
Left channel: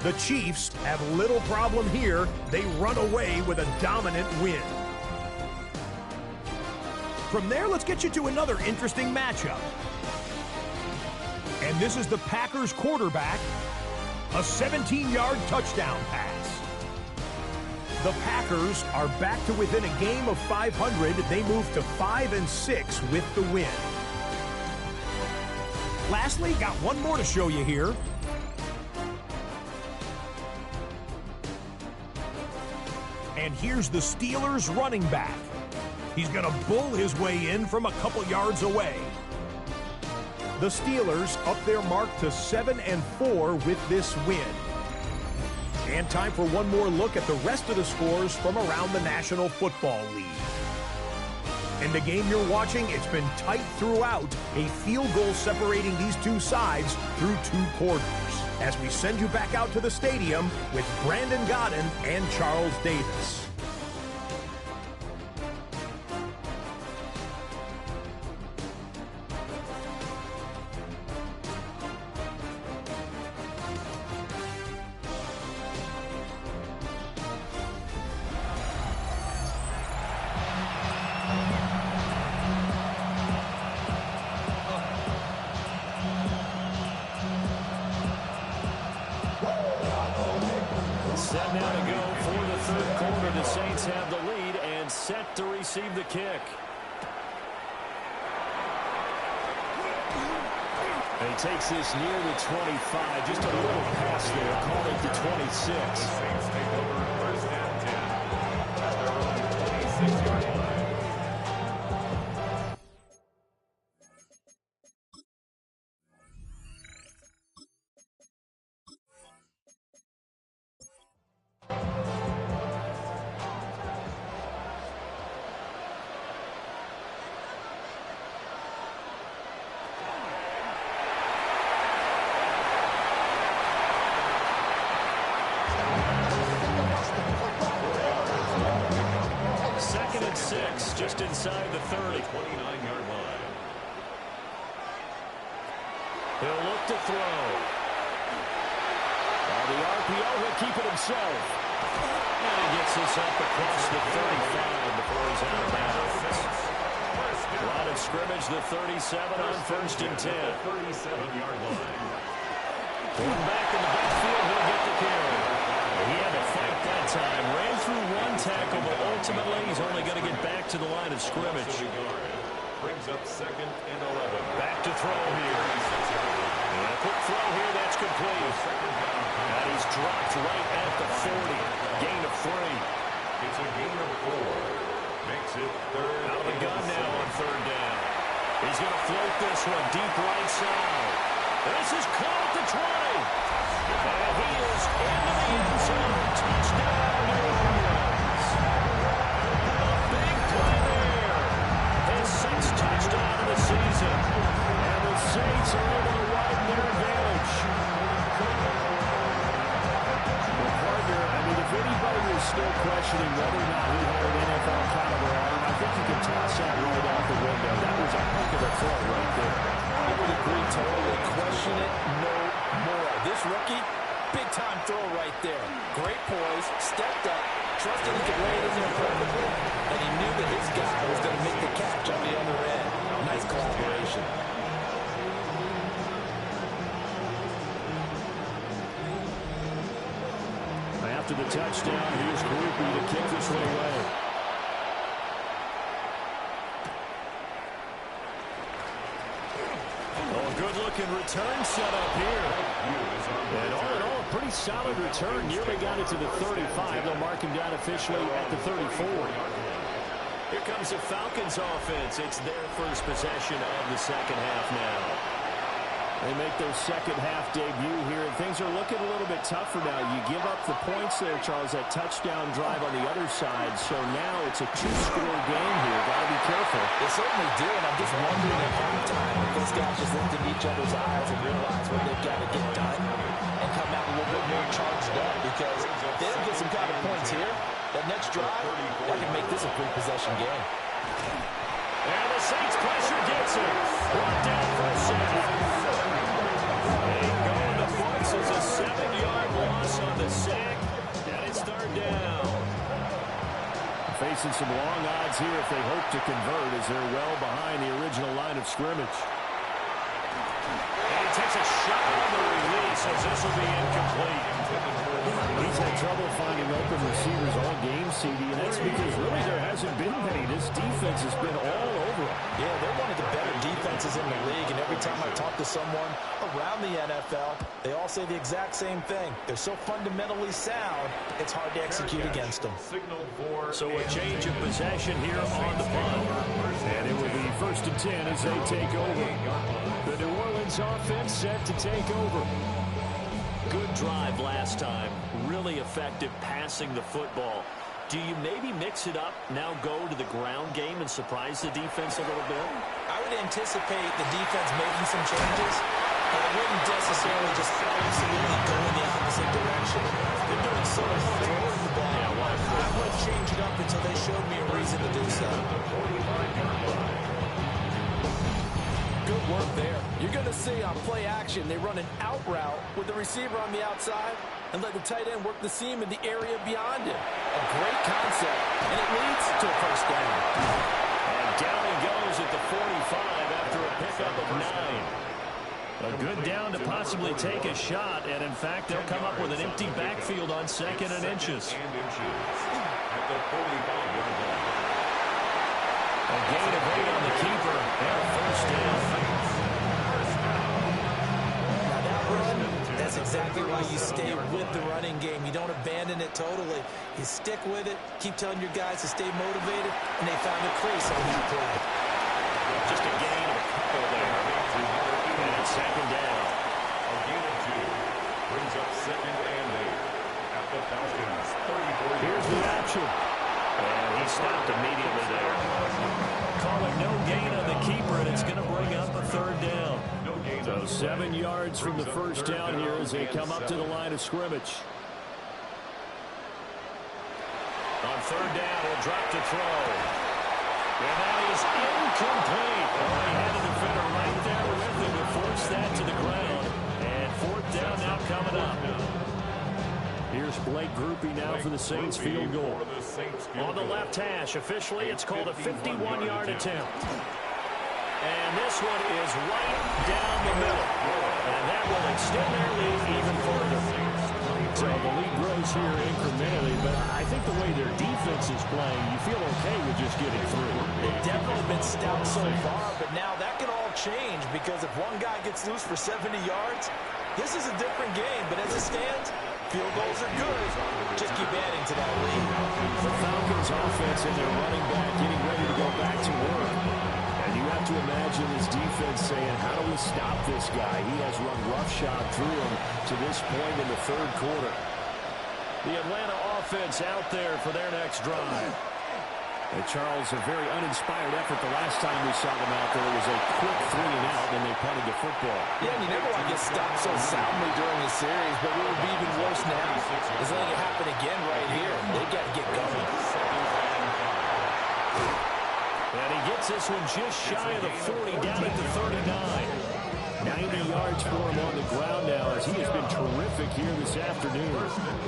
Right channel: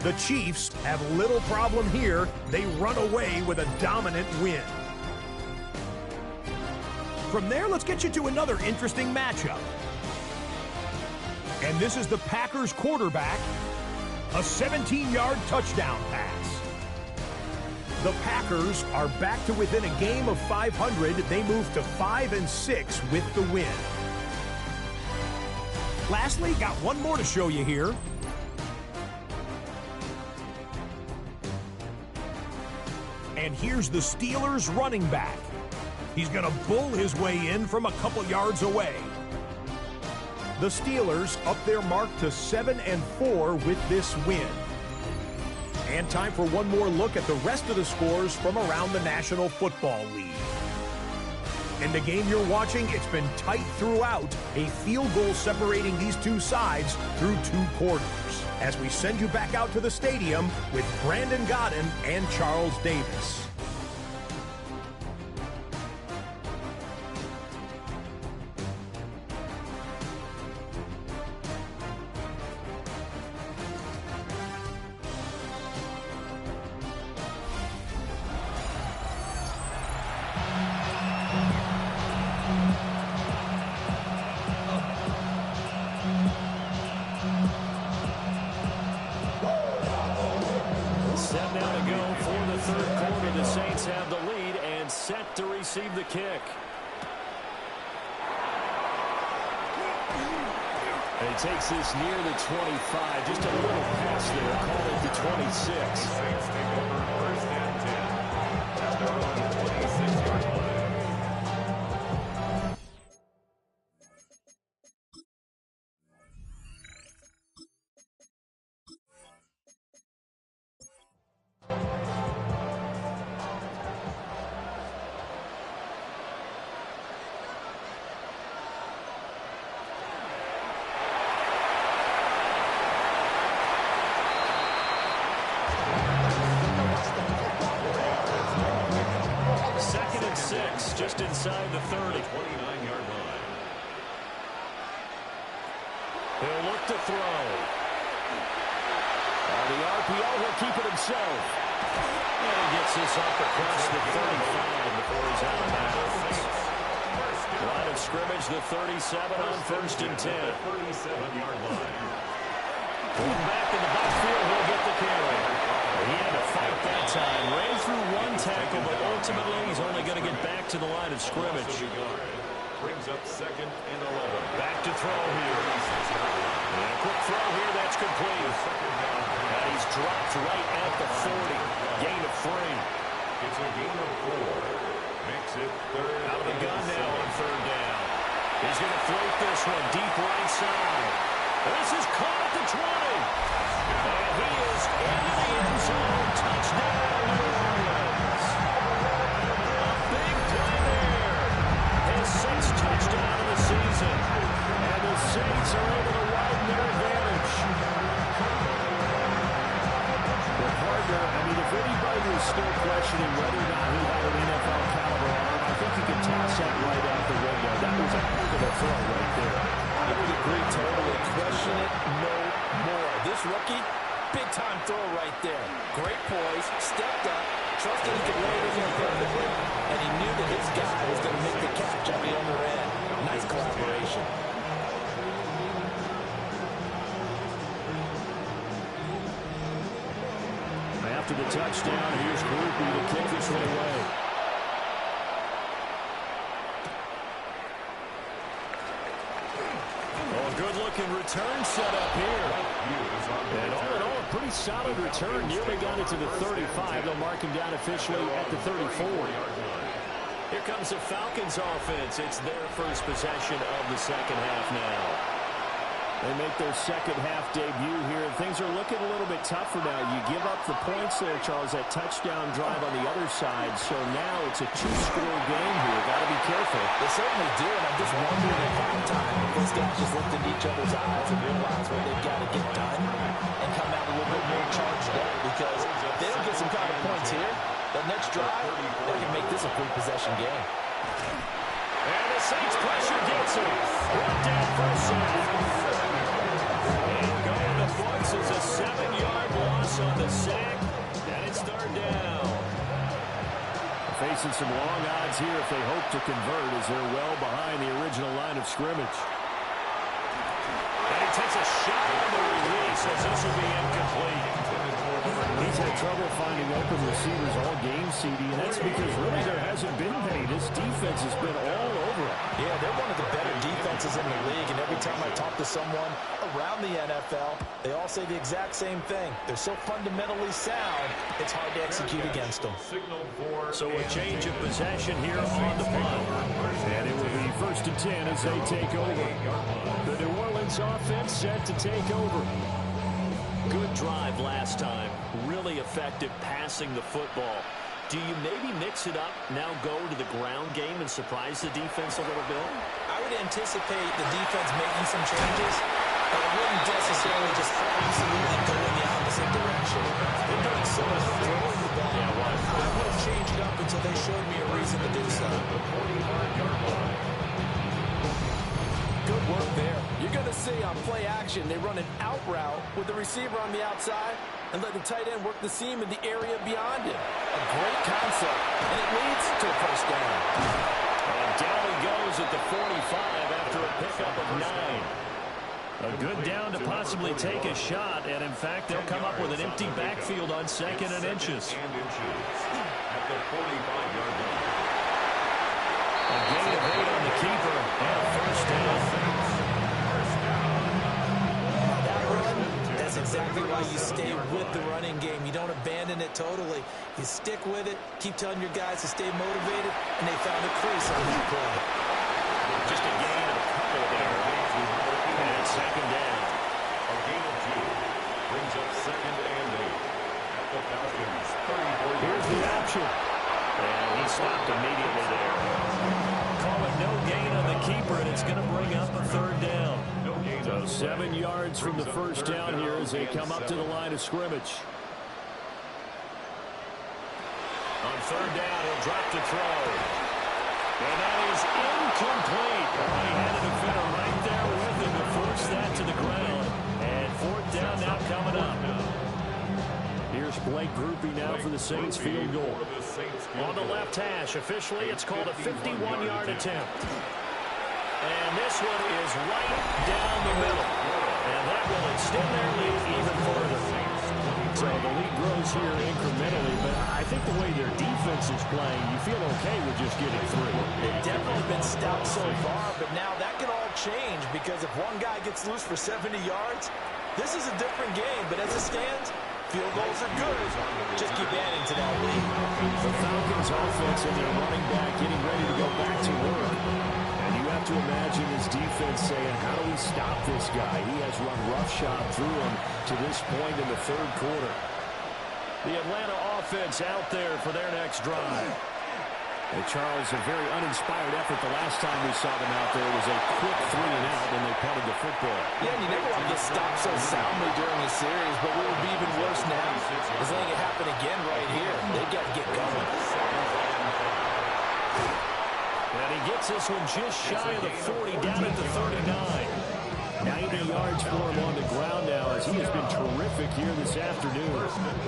The Chiefs have little problem here. They run away with a dominant win. From there, let's get you to another interesting matchup. And this is the Packers quarterback. A 17-yard touchdown pass. The Packers are back to within a game of 500. They move to 5-6 with the win. Lastly, got one more to show you here. And here's the Steelers running back. He's going to bull his way in from a couple yards away. The Steelers up their mark to 7-4 with this win. And time for one more look at the rest of the scores from around the National Football League. In the game you're watching, it's been tight throughout, a field goal separating these two sides through 2 quarters. As we send you back out to the stadium with Brandon Godden and Charles Davis. Set now to go for the third quarter. The Saints have the lead and set to receive the kick. And he takes this near the 25. Just a little pass there. Call it the 26. The Saints take over first and 10 at their own 26-yard line. Second and 6, just inside the 30. 29-yard line. He'll look to throw. On the RPO, he'll keep it himself. And he gets this up across the 35 before he's out of bounds. Line of scrimmage, the 37 on first and 10. 37-yard line. Going back in the backfield, he'll get the carry. He had to fight that time. Ran through one tackle, but ultimately he's only going to get back to the line of scrimmage. Brings up second and 11. Back to throw here. And a quick throw here, that's complete. And he's dropped right at the 40. Gain of 3. It's a gain of 4. Makes it third. Out of the gun now on third down. He's going to float this one deep right side. This is caught at the 20. And he is into the end zone. Touchdown, New Orleans. A big play there. His 6th touchdown of the season. And the Saints are able to widen their advantage. Well, partner, I mean, if anybody was still questioning whether or not he had an NFL caliber arm, I think you can toss that right out the window. That was a heck of a throw right there. I would agree totally. Question it no more. This rookie, big-time throw right there. Great poise, stepped up, trusted he could lay it in there perfectly, and he knew that his guy was going to make the catch on the other end. Nice collaboration. After the touchdown, here's Groupie to kick this one away. Oh, a good-looking return set up here. And all in all, a pretty solid return. Nearly got it to the 35. They'll mark him down officially at the 34. Here comes the Falcons offense. It's their first possession of the second half now. They make their second half debut here, and things are looking a little bit tougher now. You give up the points there, Charles, that touchdown drive on the other side. So now it's a two-score game here. Got to be careful. They certainly do, and I'm just wondering at halftime if those guys just looked into each other's eyes and realize what they've got to get done and come out a little bit more charged up, because if they don't get some kind of points here, that next drive, that can make this a three-possession game. And the Saints pressure gets him. Brought down for a sack. And going to books is a 7-yard loss on the sack. And it's third down. Facing some long odds here if they hope to convert, as they're well behind the original line of scrimmage. And he takes a shot on the release, as this will be incomplete. He's had trouble finding open receivers all game, CD, and that's because really there hasn't been many. This defense has been all over him. Yeah, they're one of the better defenses in the league, and every time I talk to someone around the NFL, they all say the exact same thing. They're so fundamentally sound, it's hard to execute against them. So a change of possession here on the punt. And it will be first and 10 as they take over. The New Orleans offense set to take over. Good drive last time. Really effective passing the football. Do you maybe mix it up, now go to the ground game and surprise the defense a little bit? I would anticipate the defense making some changes, but I wouldn't necessarily just absolutely go in the opposite direction. They're doing so much throwing the ball. Yeah, why? I wouldn't change it up until they showed me a reason to do so. Good work there. You're going to see on play action, they run an out route with the receiver on the outside and let the tight end work the seam in the area beyond him. A great concept, and it leads to a first down. And down he goes at the 45 after a pickup of 9. A good down to possibly take a shot, and in fact, they'll come up with an empty backfield on 2nd and inches. At the 45-yard line. A gain of 8 on the keeper, and a first down. Now that run, that's exactly why you stay with the running game. You don't abandon it totally. You stick with it, keep telling your guys to stay motivated, and they found a crease on that play. Just a gain of a couple there. And 2nd down. A gain of 2 brings up 2nd and 8 at the Falcons' 34-yard line. Here's the option. And he stopped immediately there. Call it no gain on the keeper, and it's going to bring up a 3rd down. So 7 yards from the first down here as they come up to the line of scrimmage. On 3rd down, he'll drop to throw. And that is incomplete. Oh, he had a defender right there with him to force that to the ground. And 4th down now coming up. Here's Blake Groupie now for the Saints field goal. On the left hash, officially, it's called a 51-yard attempt. And this one is right down the middle. And that will extend their lead even further. So the lead grows here incrementally, but I think the way their defense is playing, you feel okay with just getting through. They've definitely been stout so far, but now that can all change because if one guy gets loose for 70 yards, this is a different game. But as it stands, field goals are good. Just keep adding to that lead. The Falcons offense and their running back getting ready to go back to work. And you have to imagine this defense saying, how do we stop this guy? He has run roughshod through him to this point in the 3rd quarter. The Atlanta offense out there for their next drive. And Charles, a very uninspired effort the last time we saw them out there. It was a quick 3 and out, and they punted the football. Yeah, and you never want to get stopped so soundly during the series, but what would be even worse now is letting it happen again right here. They got to get going. And he gets this one just shy of the 40, down at the 39. 90 yards for him on the ground now as he has been terrific here this afternoon.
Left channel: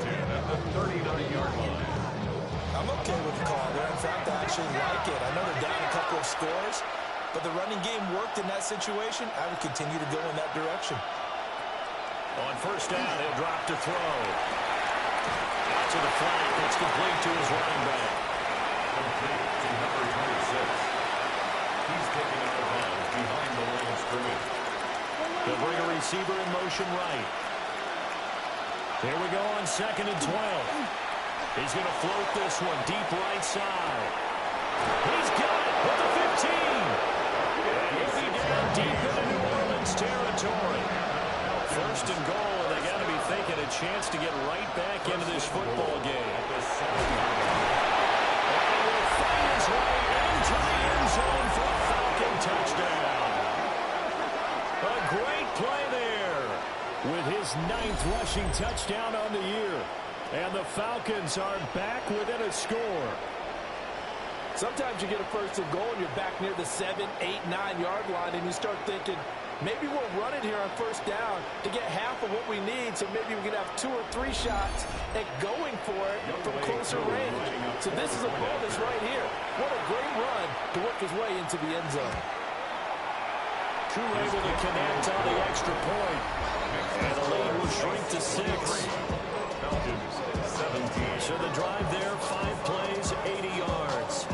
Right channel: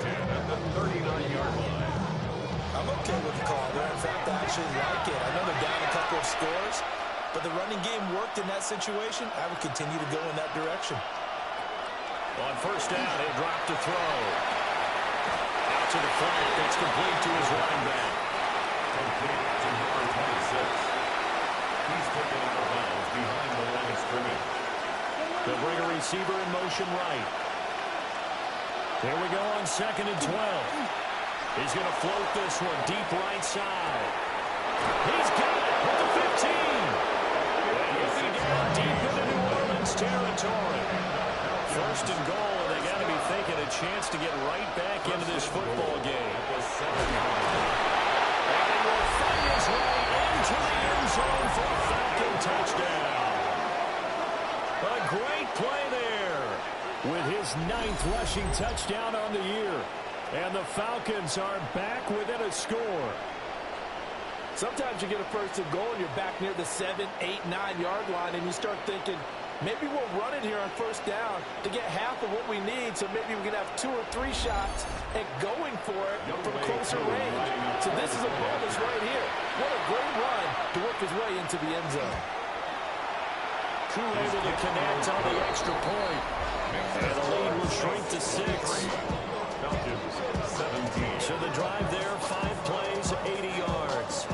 10 at the 39-yard line. I'm okay with the call there. In fact, I actually like it. I know they're down a couple of scores, but the running game worked in that situation. I would continue to go in that direction. On 1st down, he'll drop to throw. Out to the flat. That's complete to his running back. Complete to number 26. He's taken out of bounds behind the line of scrimmage. They'll bring a receiver in motion right. Here we go on 2nd and 12. He's going to float this one deep right side. He's got it with the 15. And he'll be down deep into New Orleans territory. 1st and goal, and they got to be thinking a chance to get right back into this football game. And he will fight his way into the end zone for a Falcon touchdown. A great play there. With his 9th rushing touchdown on the year. And the Falcons are back within a score. Sometimes you get a 1st and goal and you're back near the 7, 8, 9-yard line, and you start thinking, maybe we'll run it here on 1st down to get half of what we need, so maybe we can have 2 or 3 shots at going for it from closer range. So this is a bonus right here. What a great run to work his way into the end zone. Koo able to connect on the extra point. And the lead will shrink to 6. Falcons 17. So the drive there, 5 plays, 80 yards.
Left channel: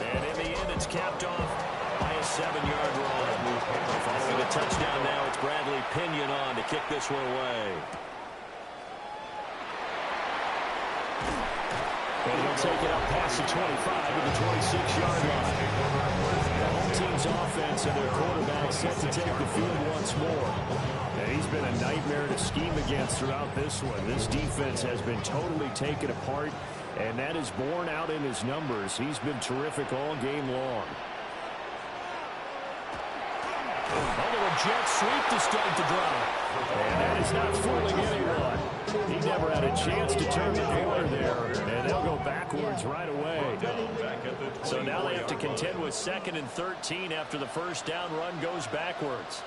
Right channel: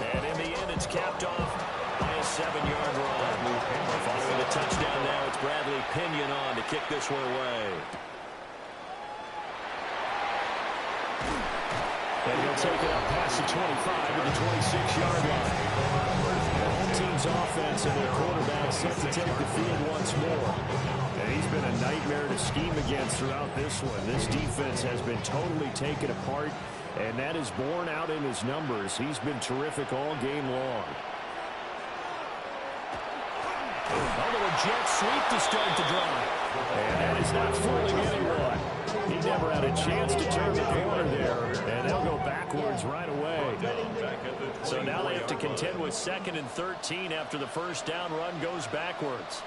And in the end, it's capped off by a 7-yard run. Following the touchdown now, it's Bradley Pinion on to kick this one away. And he'll take it up past the 25 to the 26-yard line. The home team's offense and their quarterback set to take the field once more. And he's been a nightmare to scheme against throughout this one. This defense has been totally taken apart, and that is borne out in his numbers. He's been terrific all game long. A little jet sweep to start the drive. And that is not fooling anyone. He never had a chance to turn the corner there, and they'll go backwards right away. So now they have to contend with 2nd and 13 after the 1st down run goes backwards.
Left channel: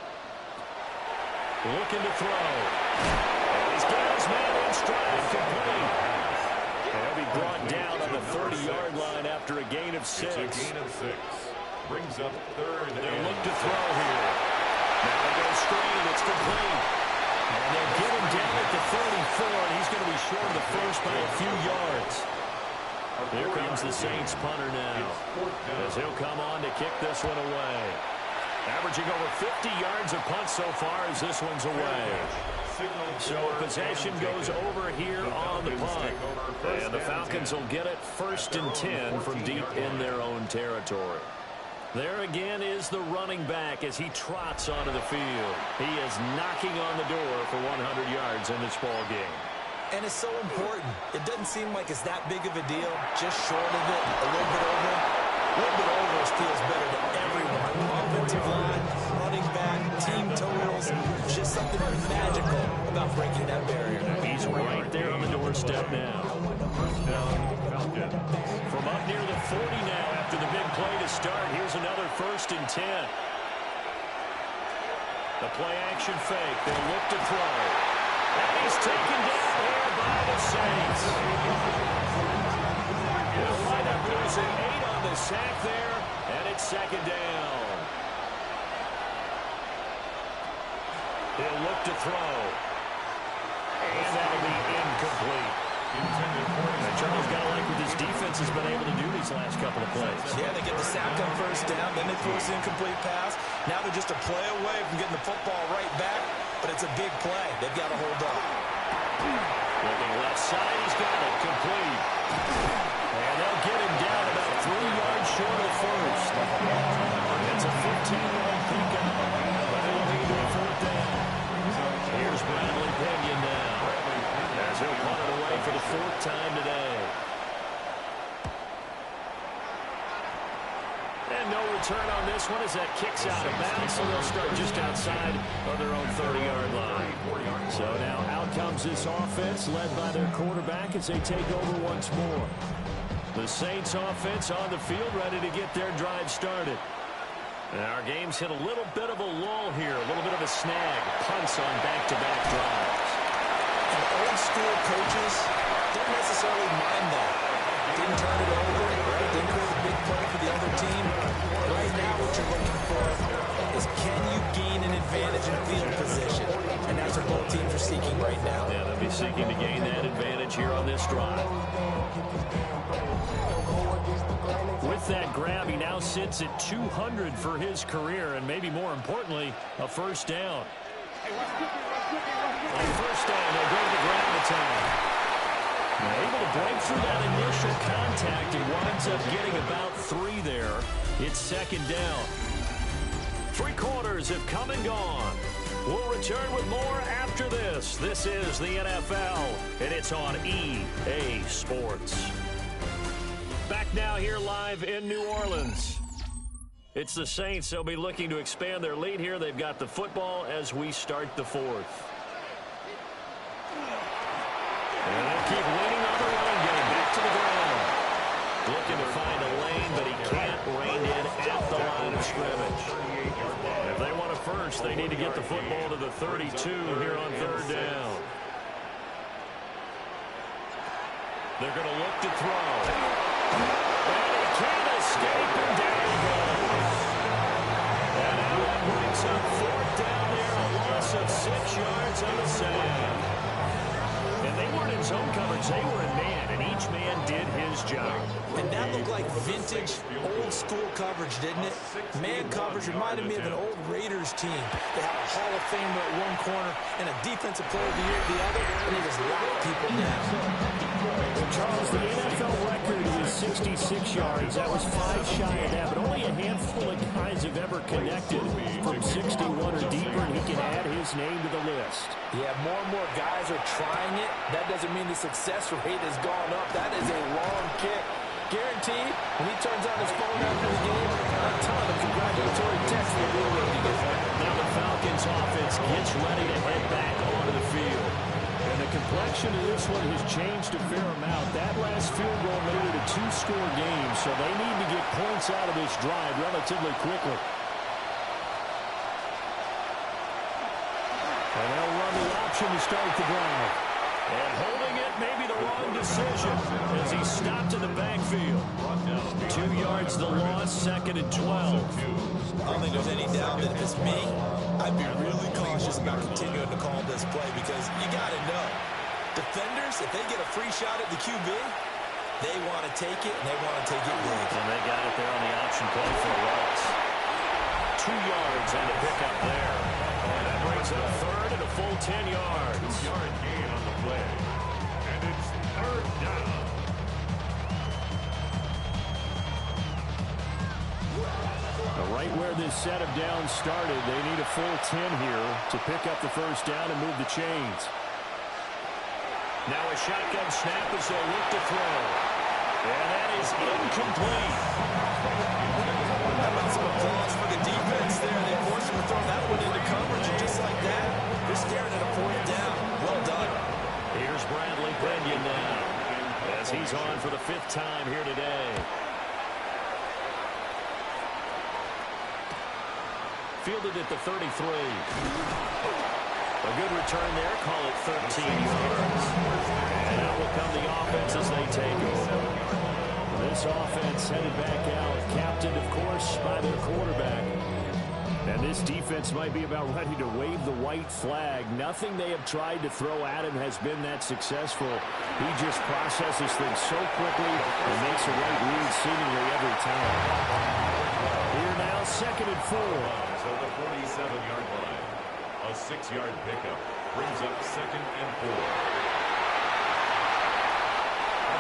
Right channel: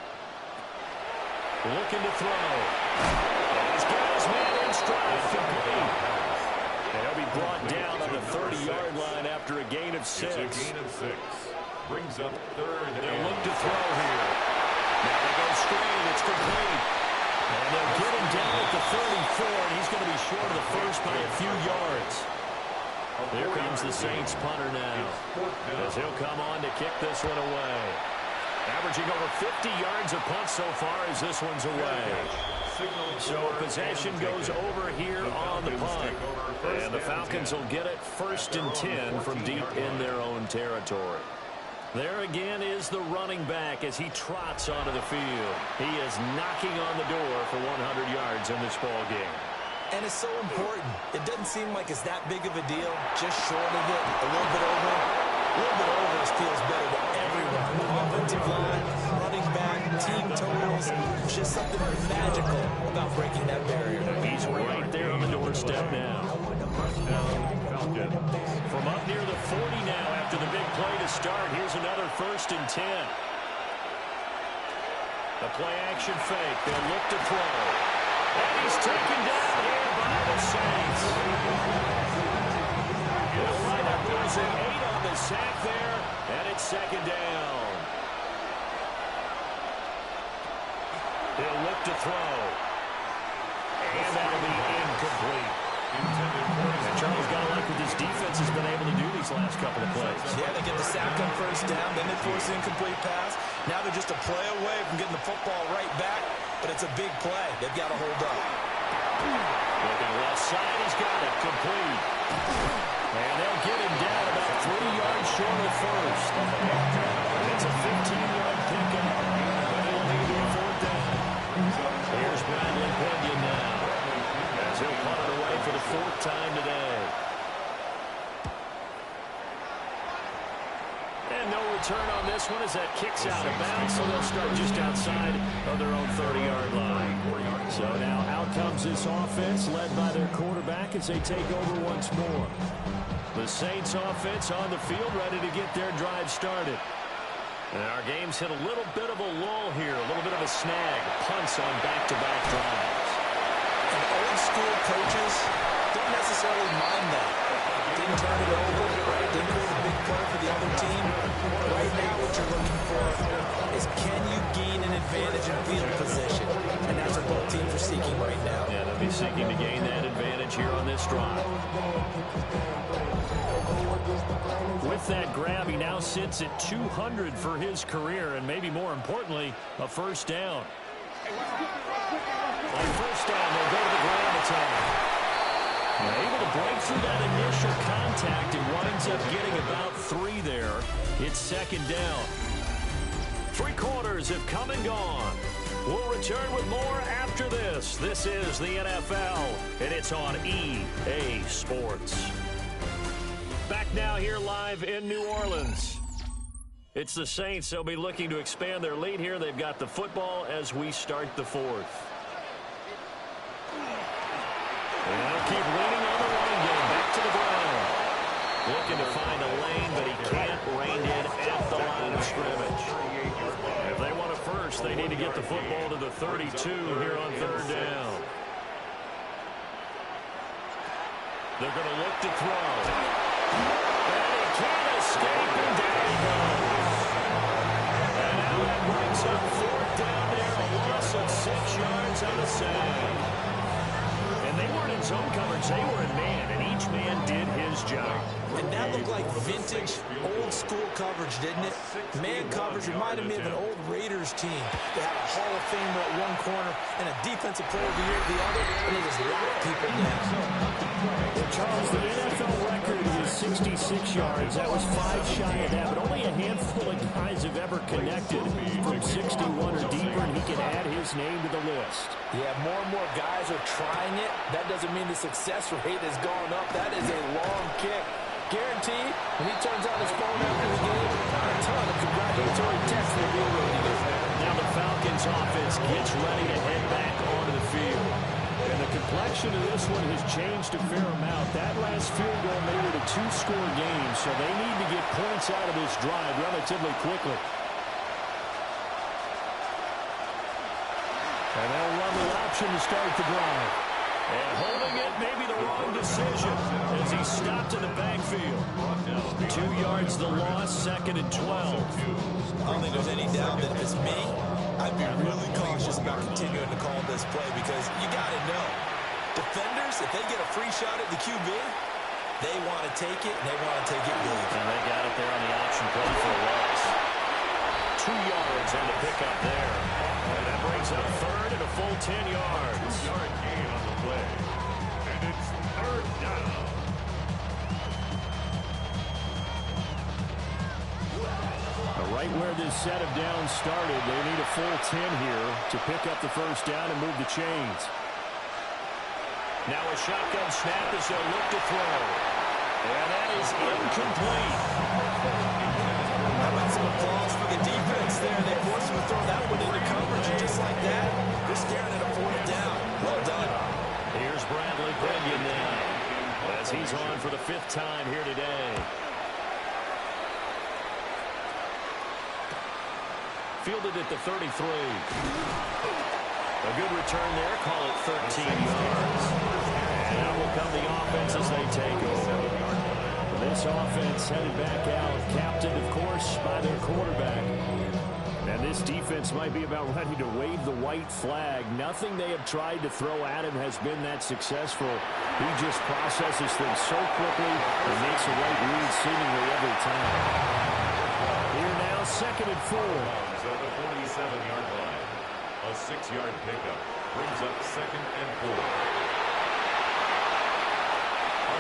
Looking to throw. And he's got his man in stride, complete. And he'll be brought down on the 30-yard line after a gain of 6. It's a gain of 6. Brings up 3rd. They'll look to throw here. Now they go screen. It's complete. And they'll get him down at the 34, and he's going to be short of the first by a few yards. Here comes the Saints punter now, as he'll come on to kick this one away. Averaging over 50 yards a punt so far as this one's away. So possession goes over here on the punt. And the Falcons will get it 1st and 10 from deep in their own territory. There again is the running back as he trots onto the field. He is knocking on the door for 100 yards in this ball game. And it's so important. It doesn't seem like it's that big of a deal. Just short of it, a little bit over. A little bit over feels better to everyone. Offensive line, running back, team totals. Just something magical about breaking that barrier. He's right there on the doorstep now. From up near the 40 now after the big play to start. Here's another 1st and 10. The play action fake. They'll look to throw. And he's taken down here by the Saints. They'll wind up losing 8 on the sack there, and it's 2nd down. He'll look to throw. And that'll be incomplete. And Charles got to like what this defense has been able to do these last couple of plays. Yeah, they get the sack on 1st down, then they force an incomplete pass. Now they're just a play away from getting the football right back, but it's a big play. They've got to hold up. Looking left side, he's got it complete. And they'll get him down about 3 yards short of first. It's a 15-yard pickup, but it'll lead to a 4th down. Here's Bradley Pinion now, as he'll punt it away for the 4th time today. And no return on this one as that kicks out of bounds, so they'll start just outside of their own 30-yard line. So now out comes this offense, led by their quarterback as they take over once more. The Saints offense on the field, ready to get their drive started. And our game's hit a little bit of a lull here, a little bit of a snag. Punts on back-to-back drives. And old-school coaches don't necessarily mind that. Didn't turn it over, right? Didn't create a big play for the other team. Right now what you're looking for is can you gain an advantage in field position? And that's what both teams are seeking right now. Yeah, they'll be seeking to gain that advantage here on this drive. With that grab, he now sits at 200 for his career, and maybe more importantly, a 1st down. On 1st down, they'll go to the ground attack. Able to break through that initial contact and winds up getting about 3 there. It's 2nd down. 3 quarters have come and gone. We'll return with more after this. This is the NFL, and it's on EA Sports. Back now here live in New Orleans. It's the Saints. They'll be looking to expand their lead here. They've got the football as we start the 4th. And they'll keep leaning on the running game. Back to the ground. Looking to find a lane, but he can't rein in at the line of scrimmage. If they want a first, they need to get the football to the 32 here on 3rd down. They're going to look to throw. And he can't escape, and down he goes. And now that brings up 4th down there, a loss of 6 yards on the sack. And they weren't in zone coverage, they were in man, and each man did his job. And that looked like vintage, old-school coverage, didn't it? Man coverage reminded me of an old Raiders team. They had a Hall of Famer at one corner and a Defensive Player of the Year at the other, and they just locked people down. Well, Charles, the NFL record is 66 yards. That was 5 shy of that, but only a handful of guys have ever connected from 61 or deeper, and he can add his name to the list. Yeah, more and more guys are trying it. That doesn't mean the success rate has gone up. That is a long kick. Guaranteed, when he turns on his phone after the game, a ton of congratulatory texts will be waiting. Now the Falcons offense gets ready to head back onto the field. And the complexion of this one has changed a fair amount. That last field goal made it a 2-score game, so they need to get points out of this drive relatively quickly. And they'll run the option to start the drive. And holding it may be the wrong decision as he stopped in the backfield. 2 yards the loss, 2nd and 12. I don't think there's any doubt that if it's me, I'd be really cautious about continuing to call this play because you got to know, defenders, if they get a free shot at the QB, they want to take it, and they want to take it big. And they got it there on the option play for a loss. 2 yards and a pickup there. And that brings up third and a full 10 yards. 2-yard gain on the play. And it's third down. Right where this set of downs started, they need a full 10 here to pick up the first down and move the chains. Now a shotgun snap as they'll look to throw. And that is incomplete. How about some applause for the defense there? They forced him to throw that one into coverage, and just like that, they're staring at a fourth down. Well done. Here's Bradley Pinion now as he's on for the 5th time here today. Fielded at the 33. A good return there. Call it 13 yards. And out will come the offense as they take over. This offense headed back out, captained, of course, by their quarterback. And this defense might be about ready to wave the white flag. Nothing they have tried to throw at him has been that successful. He just processes things so quickly and makes a right read seemingly every time. Here now, 2nd and 4. At the 47-yard line. A 6-yard pickup brings up 2nd and 4.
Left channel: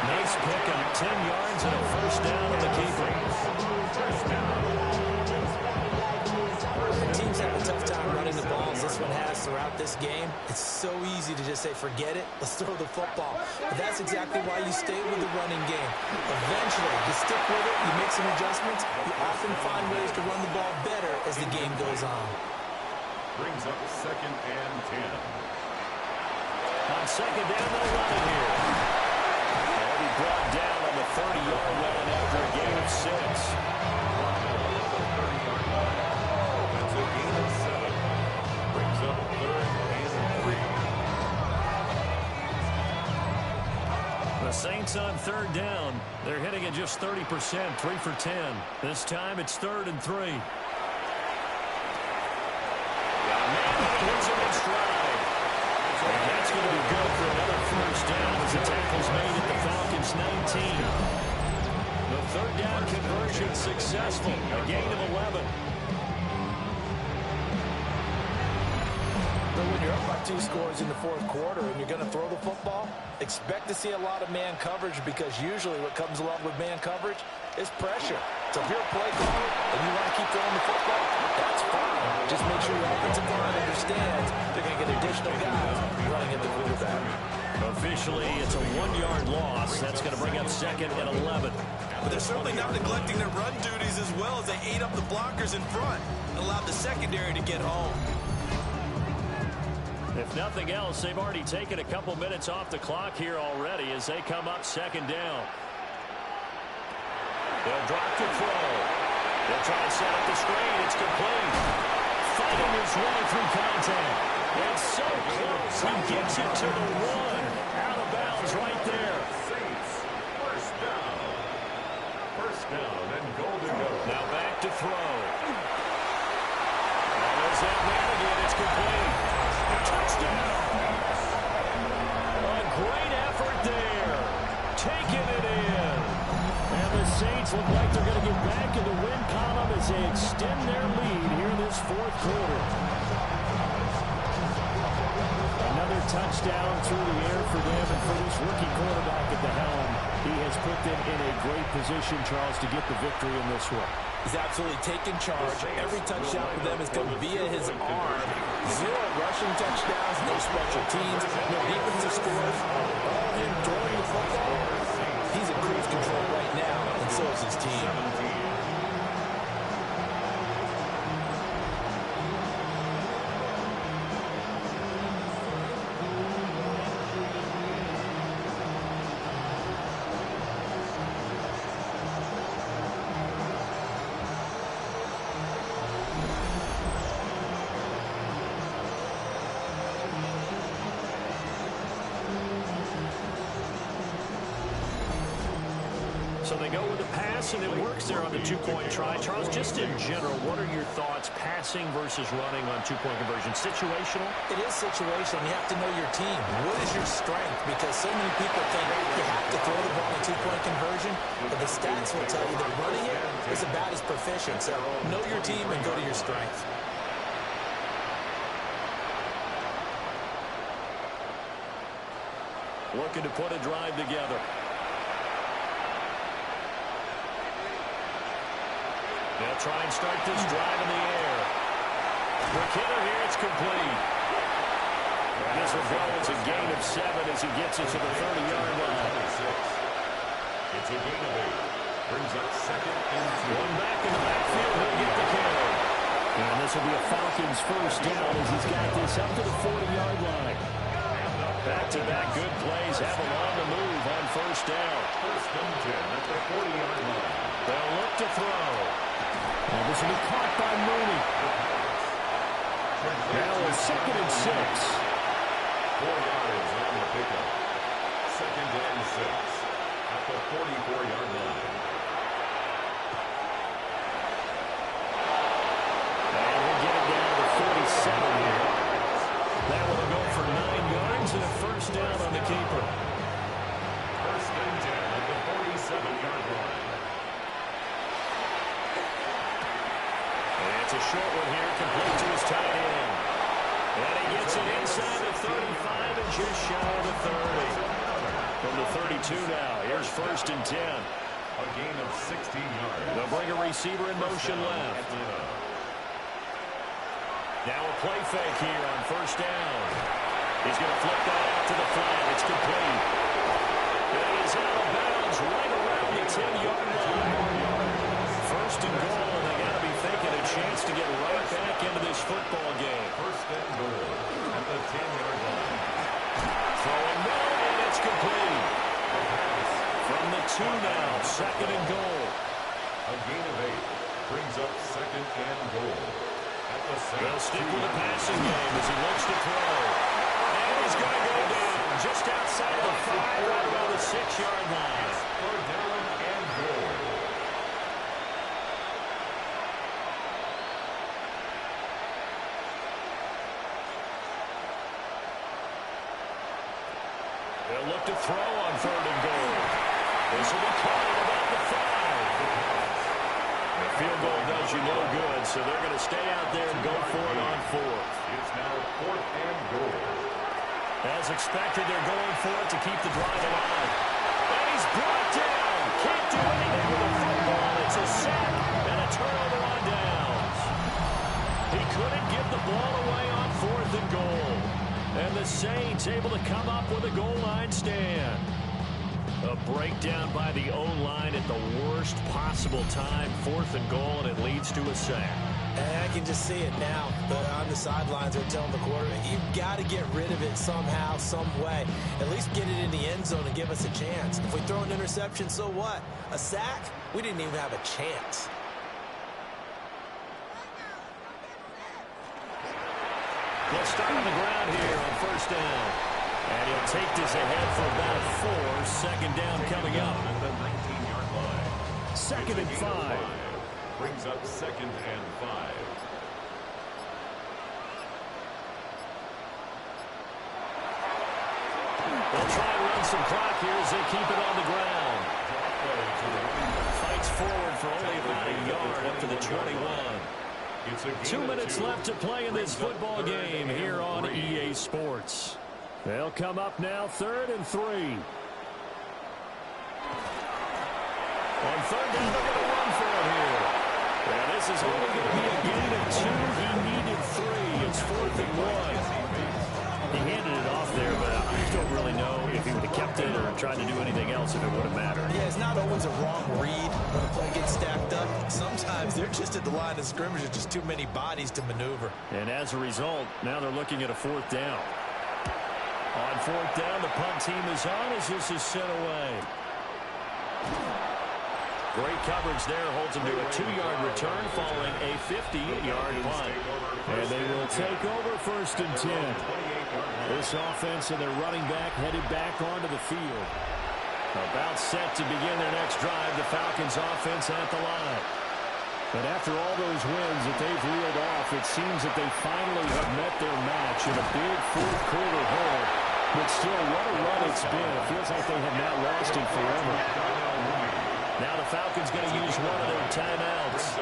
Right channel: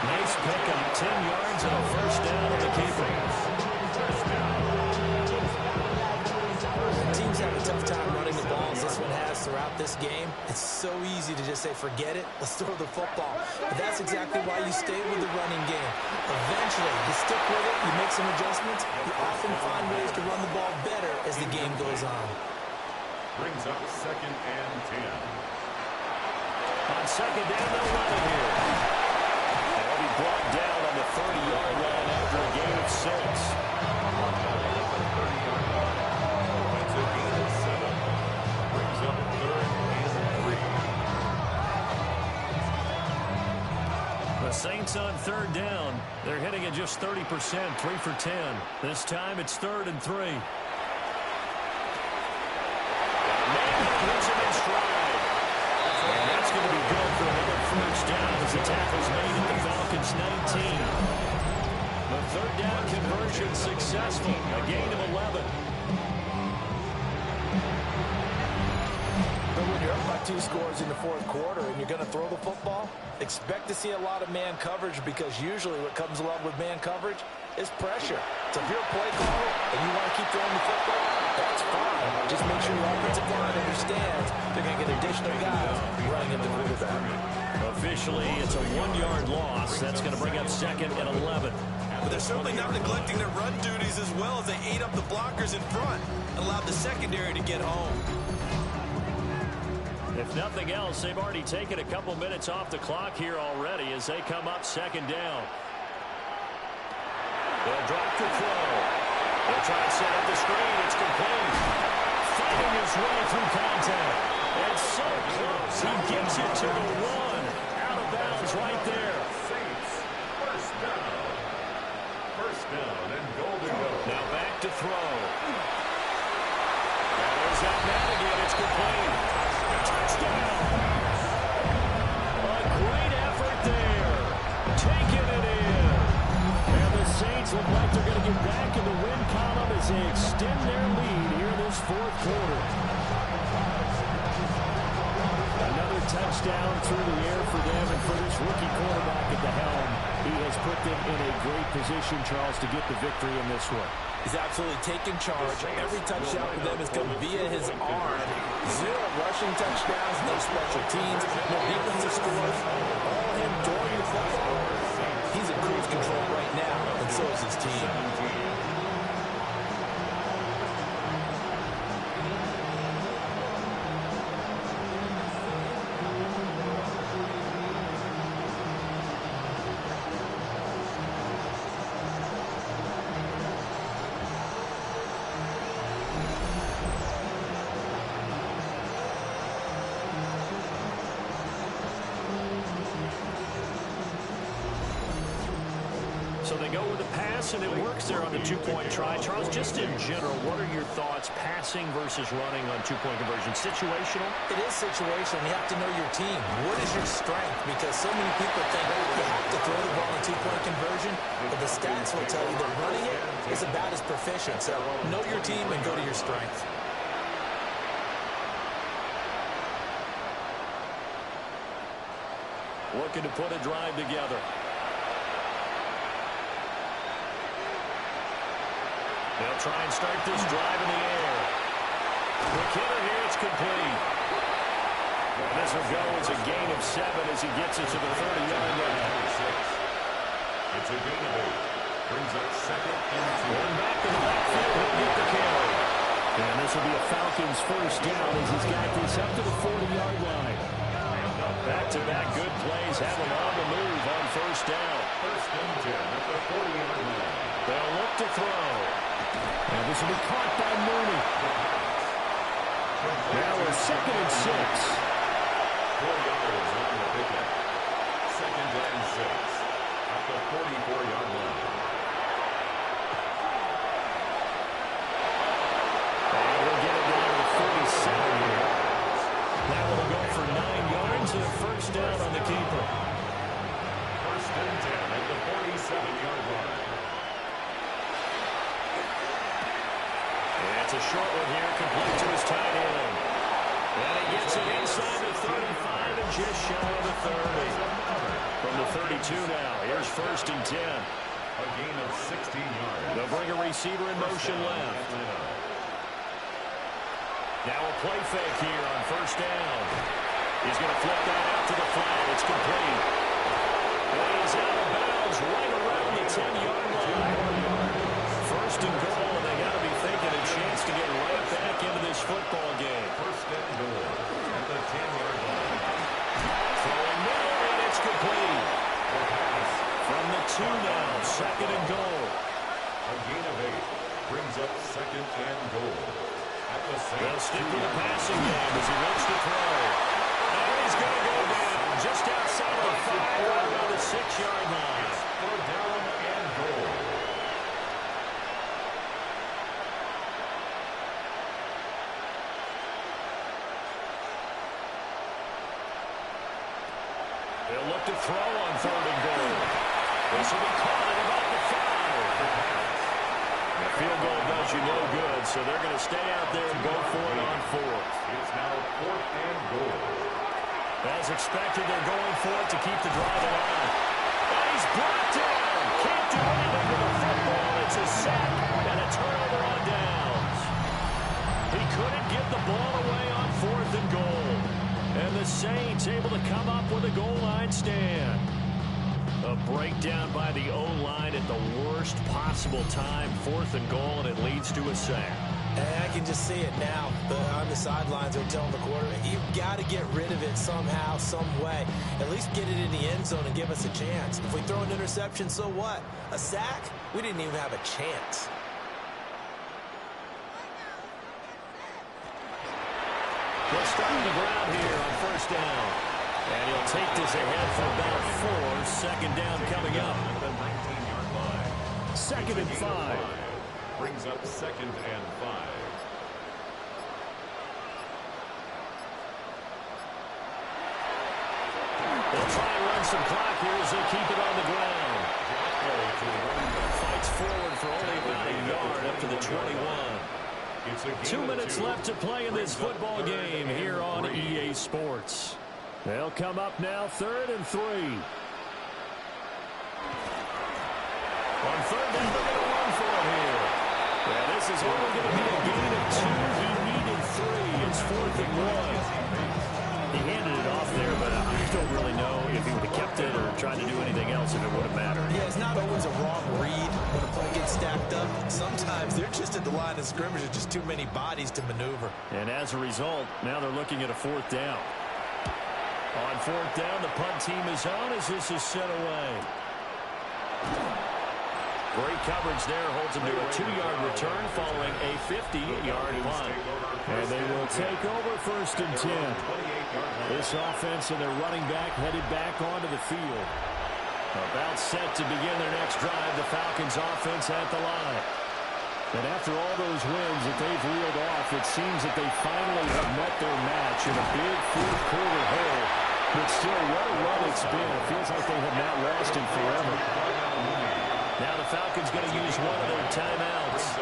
Nice pickup, 10 yards and a first down on the keeper. Teams have a tough time running the ball as this one has throughout this game. It's so easy to just say, forget it, let's throw the football. But that's exactly why you stay with the running game. Eventually, you stick with it, you make some adjustments, you often find ways to run the ball better as the game goes on. Brings up 2nd and 10. On 2nd down, they'll run it here. They'll be brought down on the 30-yard line after a gain of 6. That's a gain of 7. Brings up 3rd and 3. The Saints on 3rd down. They're hitting at just 30%, 3 for 10. This time it's 3rd and 3. Got a man and he hits him in stride. And that's going to be good for another first down as the tackle's made at the Falcons 19. The 3rd down conversion successful. A gain of 11. But when you're up by 2 scores in the 4th quarter and you're going to throw the football, expect to see a lot of man coverage because usually what comes along with man coverage is pressure. So if you're a play caller and you want to keep throwing the football, that's fine. Just make sure your offensive line understands they're going to get additional guys running at the quarterback. Officially, it's a 1-yard loss. That's going to bring up 2nd and 11. But they're certainly not neglecting their run duties as well as they ate up the blockers in front and allowed the secondary to get home. If nothing else, they've already taken a couple minutes off the clock here already as they come up 2nd down. They'll drop to throw. They'll try and set up the screen. It's complete. Fighting his way through contact. And so close. He gets it to the 1. Out of bounds right there. Saints, first down. First down and goal to go. Now back to throw. There's that man again. It's complete. Touchdown. A great effort there. Taking it in. And the Saints look like they're going to get back in the win column as they extend their lead here in this 4th quarter. Another touchdown through the air for them, and for this rookie quarterback at the helm, he has put them in a great position, Charles, to get the victory in this one. He's absolutely taken charge. Every touchdown for them has come via his arm. 0 rushing touchdowns, no special teams, no defensive scores. All him throwing the football. He's in cruise control right now, and so is his team. So they go with the pass, and it works there on the two-point try. Charles, just in general, what are your thoughts passing versus running on two-point conversion? Situational? It is situational. You have to know your team. What is your strength? Because so many people think you have to throw the ball in two-point conversion, but the stats will tell you that running it is about as proficient. So know your team and go to your strength. Looking to put a drive together. They'll try and start this drive in the air. Quick hitter here, it's complete. And this will go as a gain of 7 as he gets it to the 30-yard line. It's a gain of 8. Brings up second and 2. One back in the backfield, he'll get the carry. And this will be a Falcons first down as he's got this up to the 40-yard line. Back-to-back good plays have him on the move on first down. First and 10 at the 40-yard line. They'll look to throw. And this will be caught by Mooney. Now a second and 6. 4 yards on the pickup. Second and 6 at the 44-yard line. And he'll get it down to the 47 here. That will go for 9 yards and a first down on the keeper. First and 10 at the 47-yard line. And it's a short one here, complete to his tight end. And he gets it inside the 35 and just shy of the 30. From the 32 now, here's first and 10. A gain of 16 yards. They'll bring a receiver in motion left. Now a play fake here on first down. He's going to flip that out to the flat. It's complete. And he is out of bounds right around the 10-yard line. First and goal, and they got to be thinking a chance to get right back into this football game. First and goal at the 10-yard line. Throwing middle, and it's complete. From the 2 now, second and goal. A gain of 8 brings up second and goal. They'll stick with the passing game as he looks to throw. And he's going to go down just outside of the 5, right around the 6-yard line. It's third down and goal. They'll look to throw on third and goal. This will be caught at about the 5. The field goal does you no good, so they're going to stay out there and go for it on 4th. It's now 4th and goal. As expected, they're going for it to keep the drive alive. And he's brought down. Can't do anything with the football. It's a sack and a turnover on downs. He couldn't get the ball away on 4th and goal. And the Saints able to come up with a goal line stand. A breakdown by the O-line at the worst possible time. 4th and goal, and it leads to a sack. And I can just see it now. On the sidelines, they're telling the quarterback, you've got to get rid of it somehow, some way. At least get it in the end zone and give us a chance. If we throw an interception, so what? A sack? We didn't even have a chance. They'll start on the ground here on first down. And he'll take this ahead for about 4. Second down coming up. At the 19-yard line. Second and 5. Brings up second and 5. They'll try and run some clock here as they keep it on the ground. Fights forward for only about a yard up to the 21. 2 minutes left to play in this football game here on EA Sports. They'll come up now, 3rd and 3. On third down, they're going to run for it here. Yeah, this is only going to be a gain of 2. He needed 3. It's 4th and 1. He handed it off there, but I don't really know if he would have kept it or tried to do anything else if it would have mattered. Yeah, it's not always a wrong read when a play gets stacked up. Sometimes they're just at the line of scrimmage. There's just too many bodies to maneuver. And as a result, now they're looking at a 4th down. On 4th down, the punt team is on as this is sent away. Great coverage there, holds them to a 2-yard return following a 50-yard punt. And they will take over 1st and 10. This offense and their running back headed back onto the field. About set to begin their next drive, the Falcons offense at the line. And after all those wins that they've reeled off, it seems that they finally have met their match in a big fourth quarter hole. But still, what a run it's been. It feels like they have not lost in forever. Now the Falcons going to use one of their timeouts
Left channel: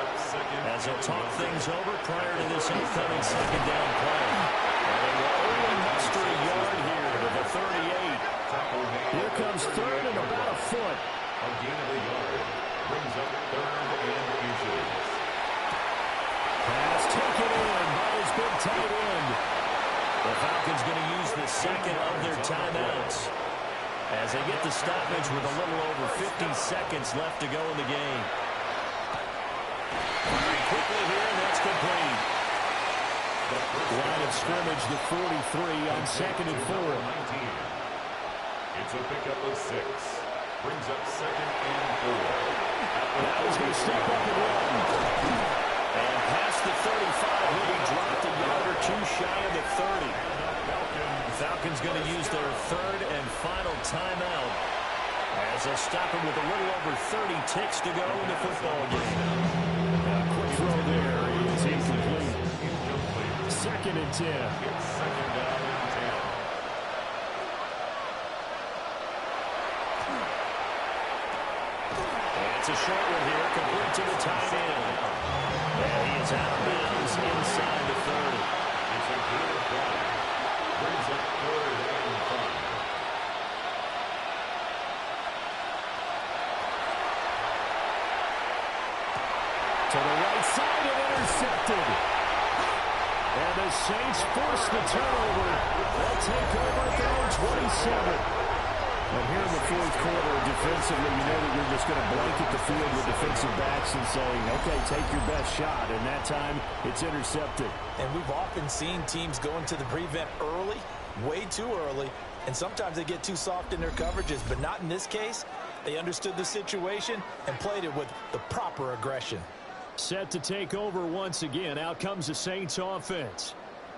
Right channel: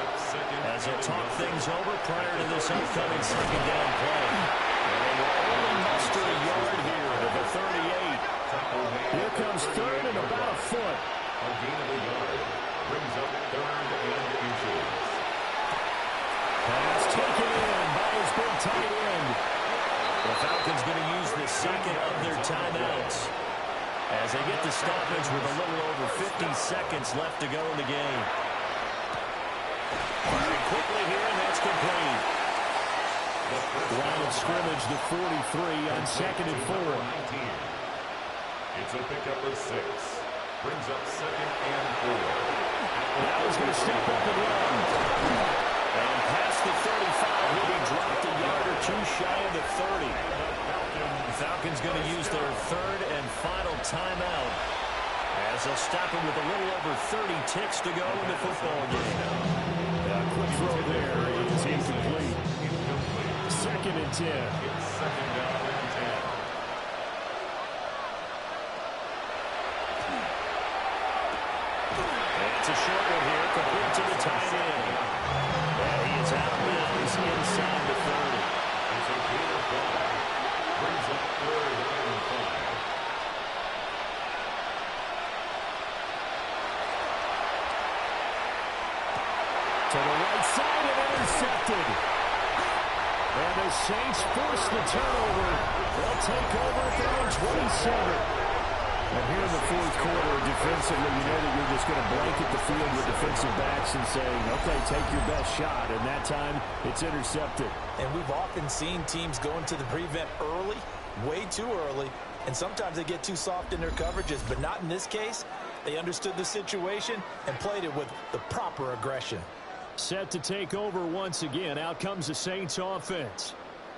as they'll talk things over prior to this upcoming second down play. And they will only muster a yard here to the 38. Here comes third and about a foot. A gain of a yard. Brings up third and inches. Pass taken in by his big tight end. The Falcons going to use the second of their timeouts as they get the stoppage with a little over 50 seconds left to go in the game. Firing quickly here, and that's complete. Line of scrimmage, the 43 on 2nd and 4. It's a pickup of 6. Brings up 2nd and 4. Now he's going to step up and run. And past the 35, he'll be dropped a yard or two shy of the 30. The Falcons going to use their third and final timeout as they'll stop him with a little over 30 ticks to go in the football game. A quick throw there is incomplete. 2nd and 10. It's 2nd down and 10. It's a short one here, complete to the tight end. And he is out of bounds inside the 30. It's a gain of 5. Brings up 3rd and 5. To the right side and intercepted. And the Saints force the turnover. They'll take over at their own 27. And here in the fourth quarter, defensively, you know that you're just going to blanket the field with defensive backs and saying, okay, take your best shot. And that time, it's intercepted. And we've often seen teams go into the prevent early, way too early, and sometimes they get too soft in their coverages. But not in this case. They understood the situation and played it with the proper aggression. Set to take over once again. Out comes the Saints offense.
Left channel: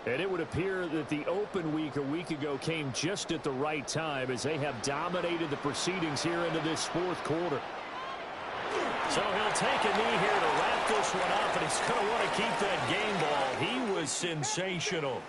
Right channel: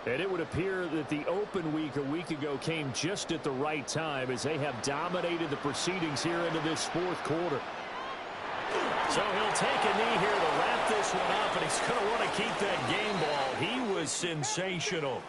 And it would appear that the open week a week ago came just at the right time as they have dominated the proceedings here into this fourth quarter. So he'll take a knee here to wrap this one up, and he's going to want to keep that game ball. He was sensational.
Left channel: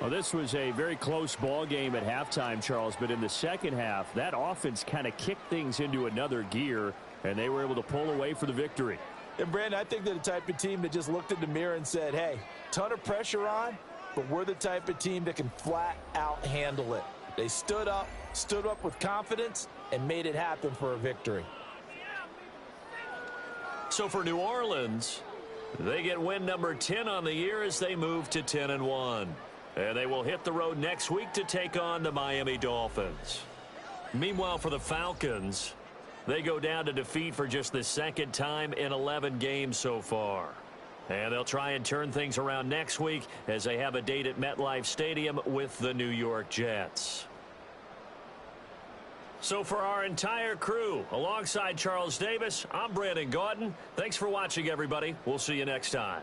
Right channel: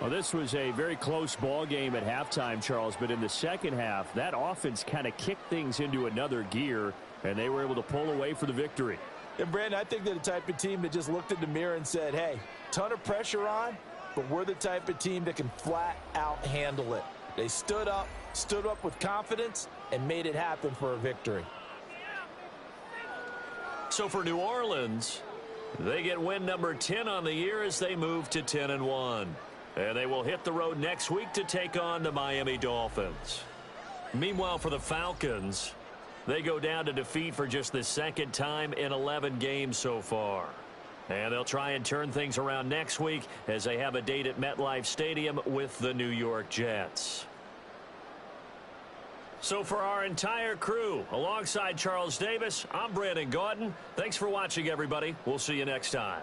Well, this was a very close ball game at halftime, Charles, but in the second half, that offense kind of kicked things into another gear, and they were able to pull away for the victory. And, Brandon, I think they're the type of team that just looked in the mirror and said, hey, ton of pressure on, but we're the type of team that can flat out handle it. They stood up with confidence, and made it happen for a victory. So for New Orleans, they get win number 10 on the year as they move to 10-1. And they will hit the road next week to take on the Miami Dolphins. Meanwhile, for the Falcons, they go down to defeat for just the second time in 11 games so far. And they'll try and turn things around next week as they have a date at MetLife Stadium with the New York Jets. So for our entire crew, alongside Charles Davis, I'm Brandon Gaudin. Thanks for watching, everybody. We'll see you next time.